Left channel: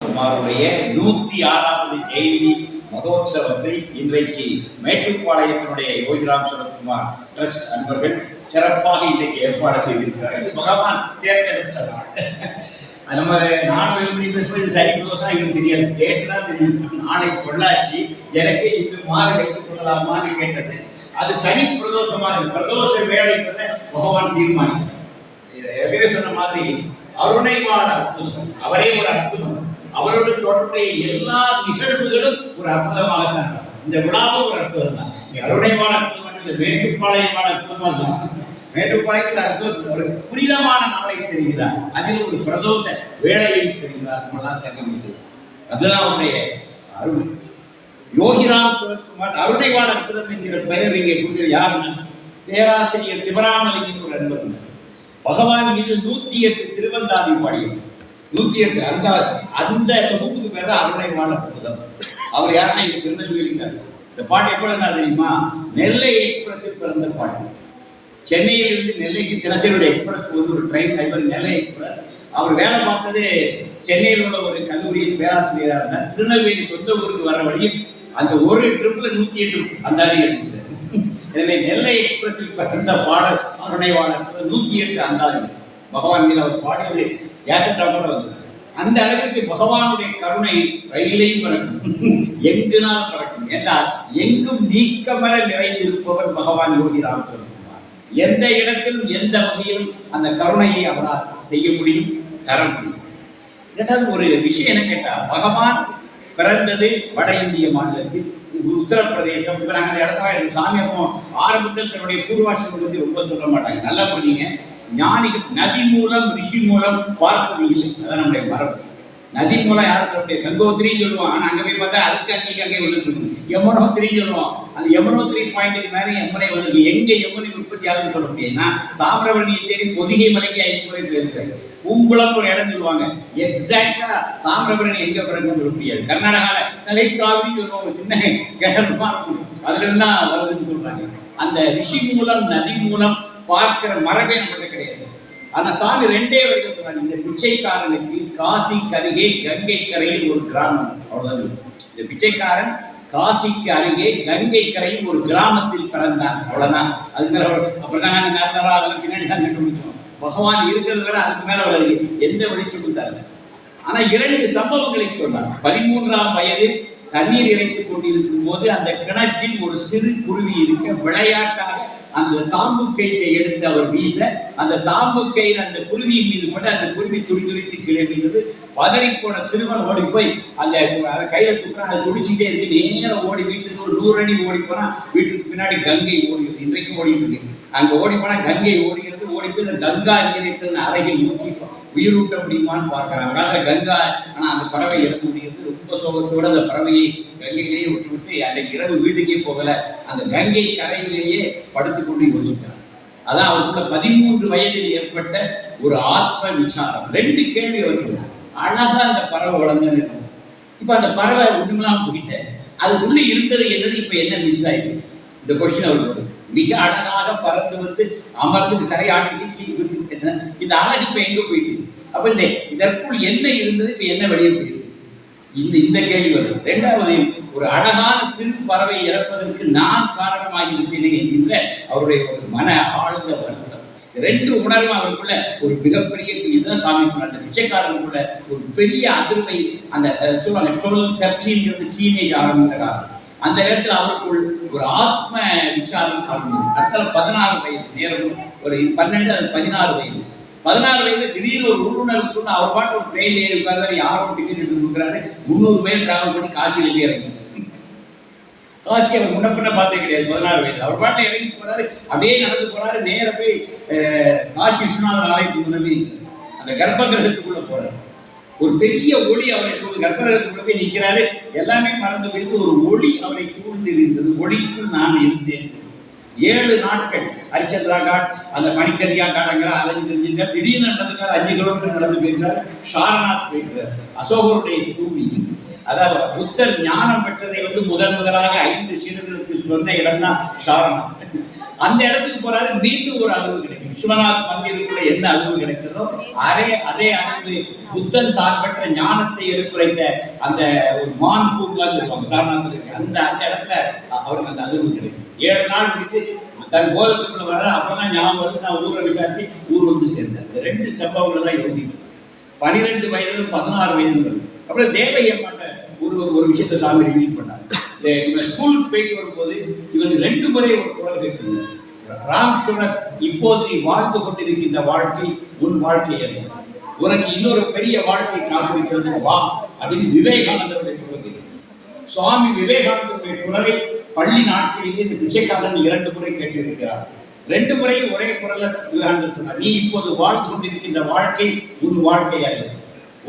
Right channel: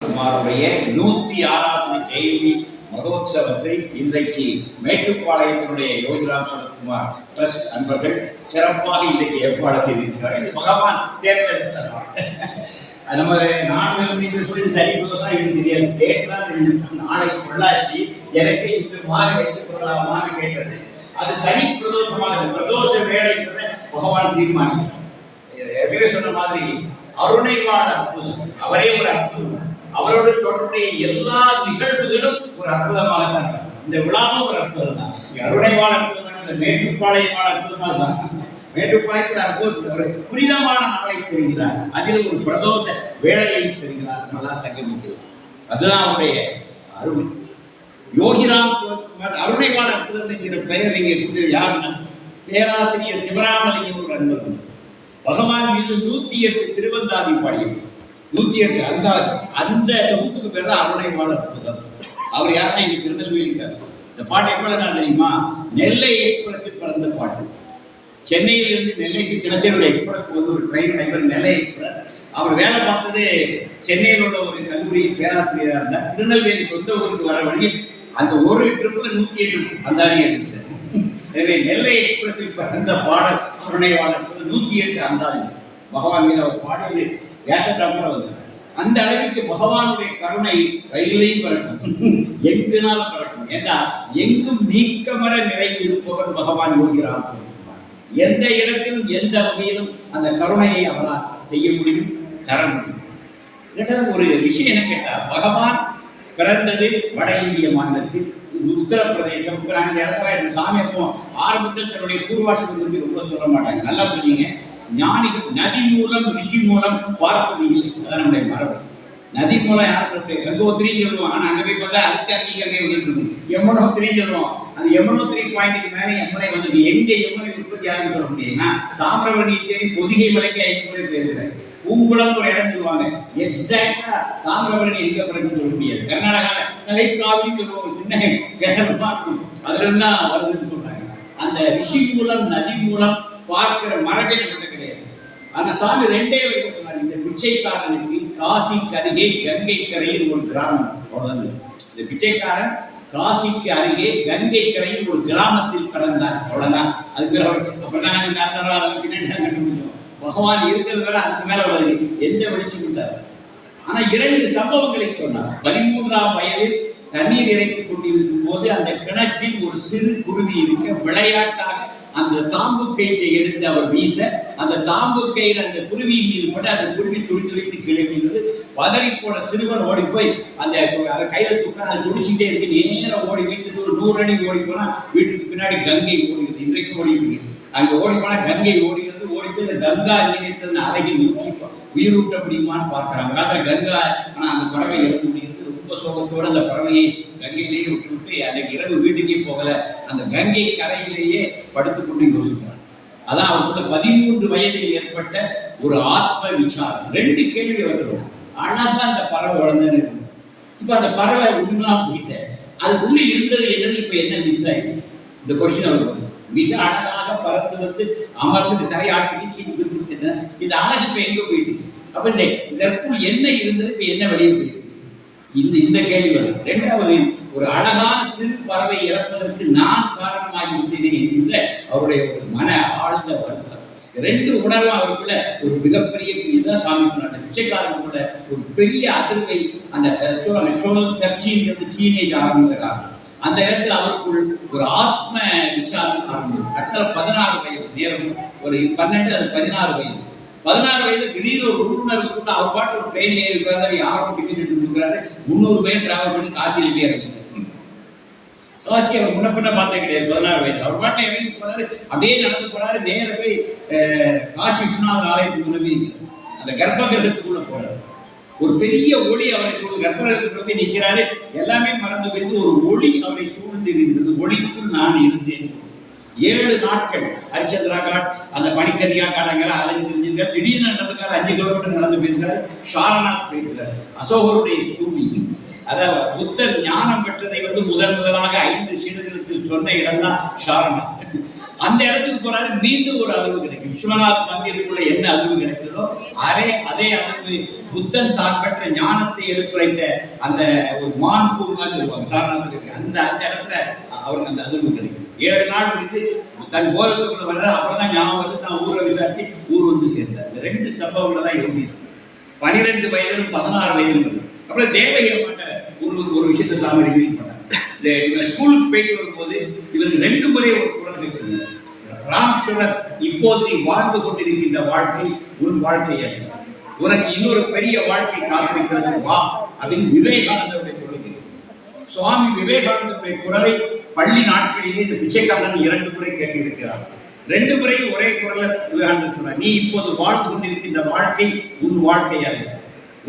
குமாருடைய 106வது ஜெயந்தி மகோத்சவத்தை இன்றைக்கு மேட்டுப்பாளையத்தினுடைய யோகிராம் சரத்குமார் ட்ரஸ்ட் அன்பர்கள் சிறப்பாக இன்றைக்கு ஏற்பாடு செய்திருக்கிறார். இது பகவான் தேர்ந்தெடுத்த நாள். நம்ம நானும் சொல்லி சரி தோசா எனக்கு தெரியாது, டேட் தான் தெரியும். நாளை பொள்ளாச்சி எனக்கு இந்த மாலை வைத்துக் கொள்ளலாமான்னு கேட்டது. அது சனி பிரதோஷமாக பிரதோஷ வேலைன்றதை பகவான் தீர்மானித்தார். ஏற்கனவே சொன்ன மாதிரி அருணைவான அற்புதம், அவரே ஒரு அற்புதம். அவரோடு தொடர்புடைய எல்லா நிகழ்வுகளும் ஒரு அற்புதமாகத்தான். இந்த விழாவும் ஒரு அற்புதம் தான். அருணைவான அற்புதம் என்ற மேட்டுப்பாளையமான அற்புதமாக தான். மேட்டுப்பாளையத்தில் அற்புதம் ஒரு புனிதமான நாளை தெரிகிறார், அதில் ஒரு பிரதோஷ வேலையை தெரிகிறார். நம்மளாம் சங்கமித்து அதுதான் அவருடைய அருமை. யோகிராம் சரத்குமார் அருணைவான அற்புதம் என்கிற பெயர் இங்கே கொடுத்தது யாருன்னா பேராசிரியர் சிவராமலிங்கம் ஒரு அன்பர். பகவான் மீது 108 திருவந்தாதி பாடியும் 108 அந்த தொகுப்புக்கு பேர் தான் அருணைவான அற்புதம். அவர் யாருன்னா இங்க திருநெல்வேலிக்கார். இந்த பாட்டு எப்போ தெரியுமா? நெல்லை எக்ஸ்பிரஸில் பிறந்த பாட்டு. சென்னையிலிருந்து நெல்லைக்கு தினசரி எக்ஸ்பிரஸ் வந்து ஒரு ட்ரெயின் டிரைவர் நெல்லை எக்ஸ்பிரஸ். அவர் வேலை பார்த்தது சென்னையில் உள்ள ஒரு கல்லூரியில் பேராசிரியராக இருந்தார். திருநெல்வேலி சொந்த ஊருக்கு வர வழியில் அந்த ஒரு ட்ரிப்பில் 108 அந்தாதி எடுத்தார். எனவே நெல்லை எக்ஸ்பிரஸில் பிறந்த பாடல் அருணைவான 108 அந்தாதி. பகவான் மீது அவர் பாடியது கேசட்டா கூட வந்தது. அந்த அளவிற்கு பகவானுடைய கருணை ரயிலையும் பறக்கும், எங்குனாலும் பறக்கும். என்றால் எங்கும் நீக்கமர நிறைந்திருப்பவர் பகவான் யோகிராம் சரத்குமார். எந்த இடத்திலும் எந்த வகையிலும் அந்த கருணையை அவரால் செய்ய முடியும், தர முடியும். இரண்டாவது ஒரு விஷயம் என்ன கேட்டா, பகவான் பிறந்தது வட இந்திய மாநிலத்தில் உத்தரப்பிரதேசம். நாங்கள் அந்த இடத்துல சாமி அப்போ ஆரம்பத்தில் தன்னுடைய பூர்வாசிரமத்தை பற்றி ரொம்ப சொல்ல மாட்டாங்க. நல்லா புரிஞ்சுங்க. ஞானிகள் நதி மூலம் ரிஷி மூலம் பார்ப்பது இல்லை, அதான் நம்முடைய மரபு. நதி மூலம் யாருக்கு கங்கோத்திரின்னு சொல்லுவோம். ஆனால் அங்கே போய் பார்த்தா அதுக்கு அங்கே வந்துட்டு இருக்கும். யமுனோத்திரின்னு சொல்லுவோம். அந்த யமுனோத்திரி பாயிண்ட்டுக்கு மேலே யமுனை வந்து எங்கே யமுனை உற்பத்தி ஆகுன்னு சொல்ல முடியுதுன்னா தாமிரபரணியை தேடி பொதிகை மலைக்கு 5 முறை போயிருக்கிறாரு. பூங்குளம் ஒரு இடம் சொல்லுவாங்க. எக்ஸாக்டா தாமிரபரணி எங்க பிறகுன்னு சொல்ல முடியாது. கர்நாடகாவில் தலைக்காவின்னு சொல்லுவாங்க, சின்ன கேரளமா இருக்கும், அதுல இருந்தா வருதுன்னு சொல்றாங்க. அந்த ரிஷி மூலம் நதி மூலம் பார்க்கிற மரபே நம்மள்ட்ட கிடையாது. ஆனா சாமி 2 வரைக்கும் சொல்றாங்க, இந்த பிச்சைக்காரனுக்கு காசிக்கு அருகே கங்கை கரையில் ஒரு கிராமம். அவ்வளவுதான். இந்த பிச்சைக்காரன் காசிக்கு அருகே கங்கை கரையில் ஒரு கிராமத்தில் பிறந்தார். அவ்வளவுதான். அதுக்கு மேல அப்புறம் தான் நாங்கள் நடந்தாரோ அதெல்லாம் பின்னாடி தான் கண்டுபிடிச்சோம். பகவான் இருக்கிறது வரை அதுக்கு மேல வருது எந்த வெளிச்சம் கொடுத்தாரு. ஆனா 2 சம்பவங்களை சொன்னார். 13ஆம் வயதில் தண்ணீர் இறைத்துக் கொண்டிருக்கும் போது அந்த கிணற்றில் ஒரு சிறு குருவி இருக்க விளையாட்டாக அந்த தாம்பு கயிற்றை எடுத்து அவர் வீச, அந்த தாம்பு கயிறு அந்த குருவியின் மீது பட்டு அந்த குருவி துடித்து கீழே மீது பதறி போன சிறுவன் ஓடி போய் அந்த கையில தூக்கினா அதை துடிச்சுட்டே இருக்கு. நேரம் ஓடி வீட்டுக்கு ஒரு 100 அடி ஓடி போனா வீட்டுக்கு பின்னாடி கங்கை ஓடுகிறது. இன்றைக்கும் ஓடிட்டு இருக்கு. அங்க ஓடி போனா கங்கை ஓடுகிறது. ஓடி போய் அந்த கங்கா நீரை அழகில் ஊற்றி உயிரூட்ட முடியுமான்னு பார்க்கிறாங்க. அந்த கங்கா ஆனா அந்த பறவை இறக்க முடிகிறது. ரொம்ப சோகத்தோடு அந்த பறவையை கங்கையிலேயே விட்டு அன்றைக்கு இரவு வீட்டுக்கே போகல, அந்த கங்கை கரையிலேயே படுத்துக்கொண்டு யோசிக்கிறார். அதான் அவருக்குள்ள 13 வயதில் ஏற்பட்ட ஒரு ஆத்ம விசாரம். 2 கேள்வி அவர்கள். அழகா அந்த பறவை வளர்ந்துன்னு இருக்கும். இப்ப அந்த பறவை ஒண்ணுலாம் போயிட்ட அது உள்ள இருந்தது என்னது, இப்ப என்ன மிஸ் ஆயிடுது? இந்த கொஸ்டின் அவருக்கு மிக அழகாக பறந்து வந்து அமர்ந்து தரையாட்டி இந்த அழகு இப்ப எங்க போயிட்டு, அப்ப இதற்குள் என்ன இருந்தது, இப்ப என்ன வெளியே போயிருக்கு, இந்த கேள்வி வருது. 2வது, ஒரு அழகான சிறு பறவை இறப்பதற்கு நான் காரணமாகிவிட்டேனே என்கின்ற அவருடைய ஒரு மன ஆழ்ந்த வருத்தம். 2 உணர்வும் அவருக்குள்ள ஒரு மிகப்பெரிய, இதுதான் சாமி சொன்ன பிச்சைக்காரனுக்குள்ள ஒரு பெரிய அதிர்வை அந்த சொல்லுவாங்க 12-13 டீனேஜ் ஆரம்பிக்கிறார். அந்த இடத்துல அவருக்குள் ஒரு ஆத்ம விசாரம் ஆரம்பிச்சு. அடுத்த 16 வயது நேரம், ஒரு 12 அது 16 வயது. 16 வயதுல திடீர்னு ஒரு உள்ளுணர்வு அவர் பாட்டு ஒரு ட்ரெயின்ல ஏறி உட்கார்ந்தாரு. யாரும் டிக்கெட் எடுத்து கொடுக்குறாரு. 300 மைல் டிராவல் பண்ணி காசியில போய் இறங்கிட்டார். காசி அவர் முன்னப்பின்ன பார்த்தே கிடையாது. 16 வயது அவர் பாட்டில் இறங்கி போறாரு. அப்படியே நடந்து போறாரு. நேர போய் காசி விஸ்வநாதர் ஆலயத்துக்கு உதவி அந்த கர்ப்ப கிரகத்துக்குள்ள போறாரு. ஒரு பெரிய ஒளி அவரை சூழ்ந்து கர்ப்பகிரகத்துக்குள்ள போய் நிற்கிறாரு. எல்லாமே மறந்து போயிருந்து ஒரு ஒளி அவரை சூழ்ந்து இருந்தது. ஒளிக்குள் நான் இருந்தேன். 7 நாட்கள் ஹரிச்சந்திரா காட், அந்த மணிக்கரியா காட் அங்கெல்லாம் அலைஞ்சு தெரிஞ்சிருக்காரு. திடீர்னு நடந்துக்காரு. 5 கிலோமீட்டர் நடந்து போயிருக்காரு. சாரநாத் போயிருக்கிறார். அசோகருடைய பூமி. அதாவது புத்தர் ஞானம் பெற்றதை முதலாக 5 சீடர்களுக்கு சொன்ன இடம் தான் சாரநாத். அந்த இடத்துக்கு போறாரு. மீண்டும் இன்னும் ஒரு அளவு கிடைக்கும். விஸ்வநாத் மந்திருக்குள்ள என்ன அளவு கிடைக்கிறதோ அதே அளவு புத்தன் தான் பெற்ற ஞானத்தை எடுத்துரைத்த அந்த ஒரு மான் பூங்கான்னு சொல்லுவாங்க சாரநாத்தில் இருக்கு. அந்த இடத்துல அவருக்கு அந்த அதிர்வு கிடைக்கும். 7 நாள் முடித்து தன் போதத்துக்குள்ள வர அப்புறம் ஞாபகம் வந்து நான் ஊரை விசாரித்து ஊர் வந்து சேர்ந்தார். இந்த 2 சம்பவங்களை தான் யோகி 12 வயதிலும் 16 வயதிலும் வருது. அப்புறம் தேவையை மாட்ட ஒரு விஷயத்தை சாமி ரிவீல் பண்ணாங்க. இவன் ஸ்கூலுக்கு போயிட்டு வரும்போது இவருக்கு 2 முறை ஒரு குரல் கேட்குது. ராம் சுரத், இப்போது நீ வாழ்ந்து கொண்டிருக்கின்ற வாழ்க்கை உன் வாழ்க்கை அல்ல, உனக்கு இன்னொரு பெரிய வாழ்க்கை காத்திருக்கிறது, வா அப்படின்னு விவேகானந்தருடைய குரல் கேட்குது. சுவாமி விவேகானந்தருடைய குரலை பள்ளி நாட்களிலே இந்த பிச்சைக்காரன் 2 முறை கேட்டிருக்கிறார். 2 முறையும் ஒரே குரல்ல விவேகானந்தர் சொன்னார், நீ இப்போது வாழ்ந்து கொண்டிருக்கின்ற வாழ்க்கை உன் வாழ்க்கை அல்ல,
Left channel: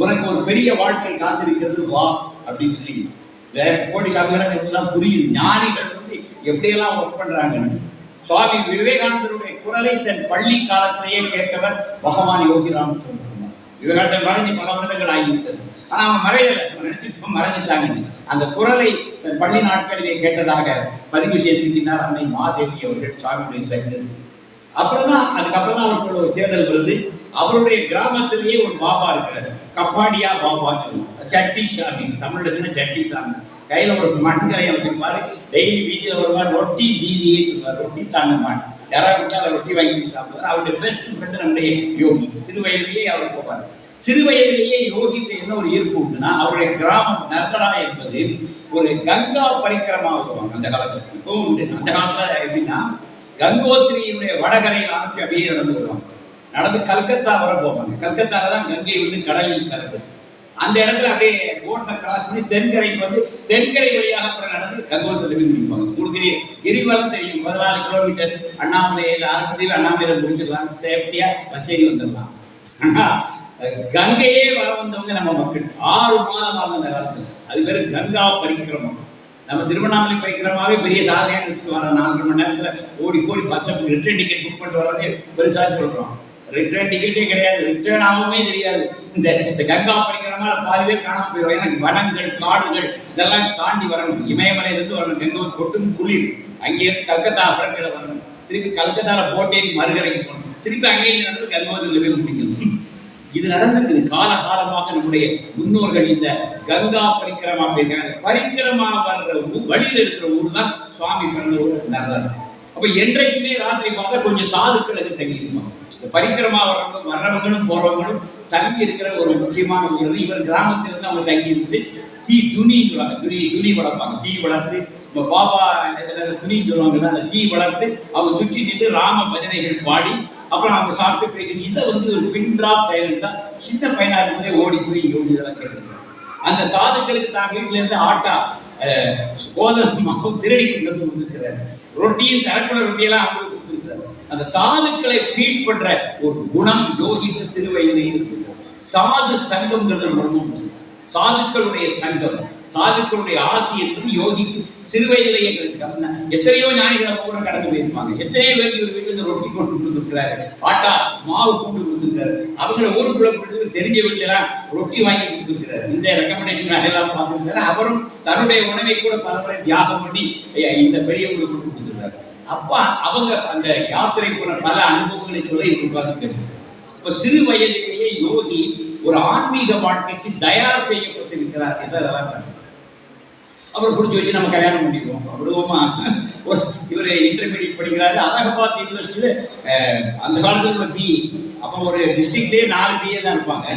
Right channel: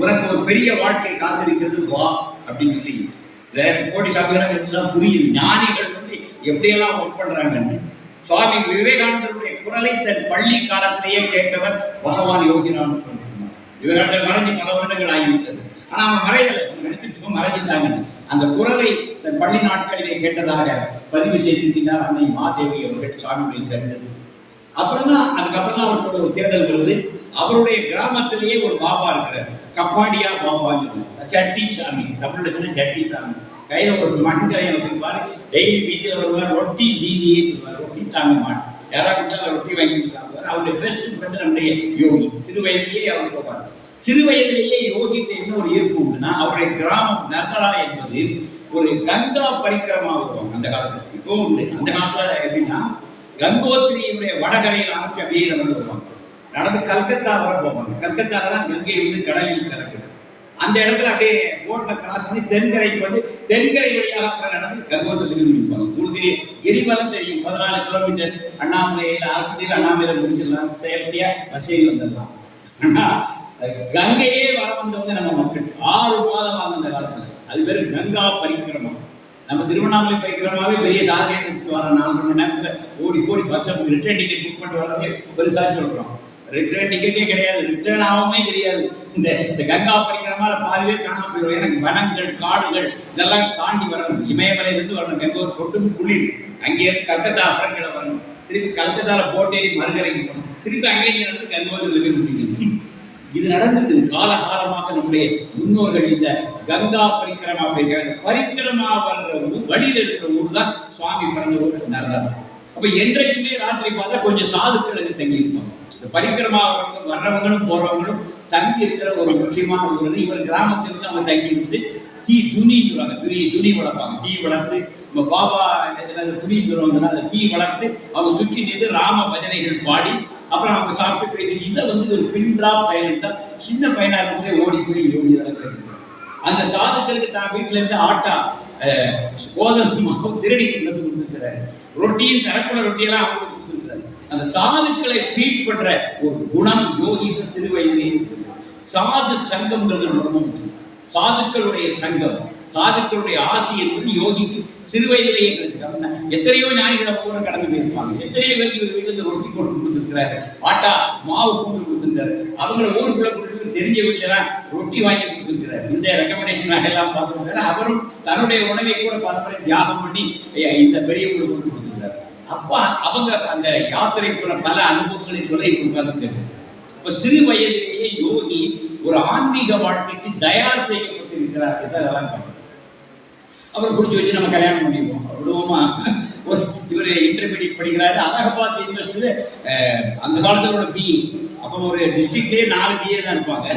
உனக்கு ஒரு பெரிய வாழ்க்கை காத்திருக்கிறது, வா அப்படின்னு சொல்லி. கோடி சாமிகள் புரியுது ஞானிகள் வந்து எப்படியெல்லாம் ஒர்க் பண்றாங்கன்னு. சுவாமி விவேகானந்தருடைய குரலை தன் பள்ளி காலத்திலேயே கேட்டவர் பகவான் யோகிராம் சொன்னார். விவேகானந்தர் மறைஞ்சு பல வருடங்கள் ஆகிவிட்டது. ஆனா அவங்க மறையலை, நினைச்சிட்டு மறைஞ்சிட்டாங்கன்னு. அந்த குரலை தன் பள்ளி நாட்களிலே கேட்டதாக பதிவு செய்திருக்கிறார் அன்னை மாதேவி அவர்கள் சுவாமியுடைய சேர்ந்தது. அதுக்கப்புறம் தான் அவருக்கு ஒரு தேர்தல் வருது. அவருடைய கிராமத்திலேயே ஒரு பாபா இருக்கிறார், கப்பாடியா பாபான்னு, சட்டி சாமி, தமிழ்ல சட்டி சாமி. கையில ஒரு மண்கரையை வச்சிருப்பாரு. டெய்லி வீதியில் வருவார், ரொட்டி தீதியே ரொட்டி தாங்க மாட்டேன், யாராவது கொடுத்தா ரொட்டி வாங்கி சாப்பிடுவார். அவருடைய பெஸ்ட் ஃப்ரெண்டு நம்முடைய யோகி. சிறு வயதிலேயே அவர் போவார். சிறு வயதிலேயே யோகிக்கு என்ன ஒரு ஈர்ப்பு உண்டுன்னா, அவருடைய கிராமம் நர்மடா என்பது ஒரு கங்கா பரிக்கிரமா வருவாங்க அந்த காலத்துல. இப்போ உண்டு. அந்த காலத்துல எப்படின்னா, கங்கோத்திரியுடைய வடகரையில் ஆரம்பிச்சு அப்படியே நடந்து வருவாங்க. நடந்து கல்கத்தா வர போவாங்க. கல்கத்தால தான் கங்கை வந்து கடலில் கலக்குது. அந்த இடத்துல அப்படியே போட்ல கிராஸ் பண்ணி தென்கரைக்கு வந்து தென்கரை வழியாக அப்புறம் நடந்து கங்கோத்திரி முடிப்பாங்க. உங்களுக்கு கிரிவலம் தெரியும், 14 கிலோமீட்டர் அண்ணாமலையில் ஆரம்பத்தில் அண்ணாமலையில் முடிச்சிடலாம், சேஃப்டியா பஸ் ஏறி வந்துடலாம். ஆனா கங்கையே வர வந்தவங்க நம்ம மக்கள் 6 மாதம் ஆகும் அந்த காலத்துல. அது பேரு கங்கா பரிக்கிரமம். நம்ம திருவண்ணாமலை பரிக்கிரமாவே பெரிய சாதனையாக வச்சுட்டு வரோம். 4 மணி நேரத்துல ஓடி பஸ்ஸை ரிட்டர்ன் டிக்கெட் புக் பண்ணிட்டு வர்றதே பெருசா சொல்றோம். ரிட்டர்ன் டிக்கெட்டே கிடையாது, ரிட்டர்ன் ஆகவே தெரியாது. இந்த கங்கா பரிக்கிரமால பாதி பேர் காணாம போயிடும். எனக்கு வனங்கள் காடுகள் இதெல்லாம் தாண்டி வரணும். இமயமலையிலிருந்து வரணும், கங்கை கொட்டும் குளிர். அங்கேயிருந்து கல்கத்தா அப்புறங்களை வரணும், திருப்பி கல்கத்தால போட்டேறி மறுகரைக்கு போகணும், திருப்பி அங்கேயிருந்து நடந்து கங்கோத்திரியில் போய் முடிக்கணும். இது நடந்திருக்குது காலகாலமாக. நம்முடைய முன்னோர்கள் இந்த கங்கா பரிக்கிரமா போயிருக்காங்க. பரிக்கிரமா வர்ற வழியில் இருக்கிற ஊர் தான் சுவாமி பிறந்த ஊர் நர்மதா. அப்ப என்றைக்குமே ராத்திரி பார்த்தா கொஞ்சம் சாதுக்களுக்கு தங்கி இருப்பாங்க. இந்த பரிக்கிரமா வர்றவங்களும் போறவங்களும் தங்கி இருக்கிற ஒரு முக்கியமான ஊர். இவர் கிராமத்திலிருந்து அவங்க தங்கி இருந்து துணின்னு சொல்லுவாங்க, துணி வளர்ப்பாங்க. தீ வளர்த்து நம்ம பாபா துணின்னு சொல்லுவாங்கன்னா அந்த தீ வளர்த்து அவங்க சுற்றி நின்று ராம பஜனைகள் பாடி அப்புறம் அவங்க சாப்பிட்டு போயிட்டு. இதை வந்து ஒரு பின்றா பையன் தான் சின்ன பையனா இருந்தே ஓடி போய் யோகி இதெல்லாம் கேட்டுருக்காங்க. அந்த சாதுக்களுக்கு தான் வீட்டுல இருந்து ஆட்டா கோதுமை மாவு திருடி கொண்டு கொடுத்துருக்கிறார். ரொட்டியும் கரக்குள்ள ரொட்டியெல்லாம் அவங்களுக்கு கொடுத்துருக்கிறார். அந்த சாதுக்களை ஃபீட் பண்ற ஒரு குணம் யோகிக்கு சிறு வயதிலேயே இருக்கு. சாது சங்கம்ங்கிறது ரொம்ப சாதுக்களுடைய சங்கம், சாதுக்களுடைய ஆசி என்பது யோகிக்கு சிறு வயதிலேயே கிடைச்சிருக்காங்க. எத்தனையோ ஞானிகளை பூரா கடந்து போயிருப்பாங்க. எத்தனையோ பேருக்கு இவர் வீட்டுல ரொட்டி கொண்டு கொடுத்துருக்கிறாரு, ஆட்டா மாவு கொண்டு கொடுத்துருக்காரு. அவங்கள ஊருக்குள்ள கொடுத்து தெரிஞ்ச வீட்டுலாம் ரொட்டி வாங்கி கொடுத்துருக்கிறாரு. இந்த ரெக்கமெண்டேஷன் எல்லாம் பார்த்துருக்காரு. அவரும் தன்னுடைய உணவை கூட பலமுறை தியாகம் பண்ணி இந்த பெரியவங்களுக்கு கொண்டு கொடுத்துருக்காரு. அப்ப அவங்க அந்த யாத்திரை போன பல அனுபவங்களை சொல்ல உட்கார்ந்து. இப்ப சிறு வயதிலேயே யோகி ஒரு ஆன்மீக வாழ்க்கைக்கு தயார் செய்யப்பட்டிருக்கிறார் இதெல்லாம் கண்டு அப்புறம் பிடிச்சி வச்சு நம்ம கல்யாணம் பண்ணிடுவோம் விடுவோமா. இவர் இன்டர்மீடியட் படிக்கிறாரு அலகாபாத் யூனிவர்சிட்டியில. அந்த காலத்துல பிஇ, அப்போ ஒரு டிஸ்ட்ரிக்ட்லேயே 4 பிஏ தான் இருப்பாங்க.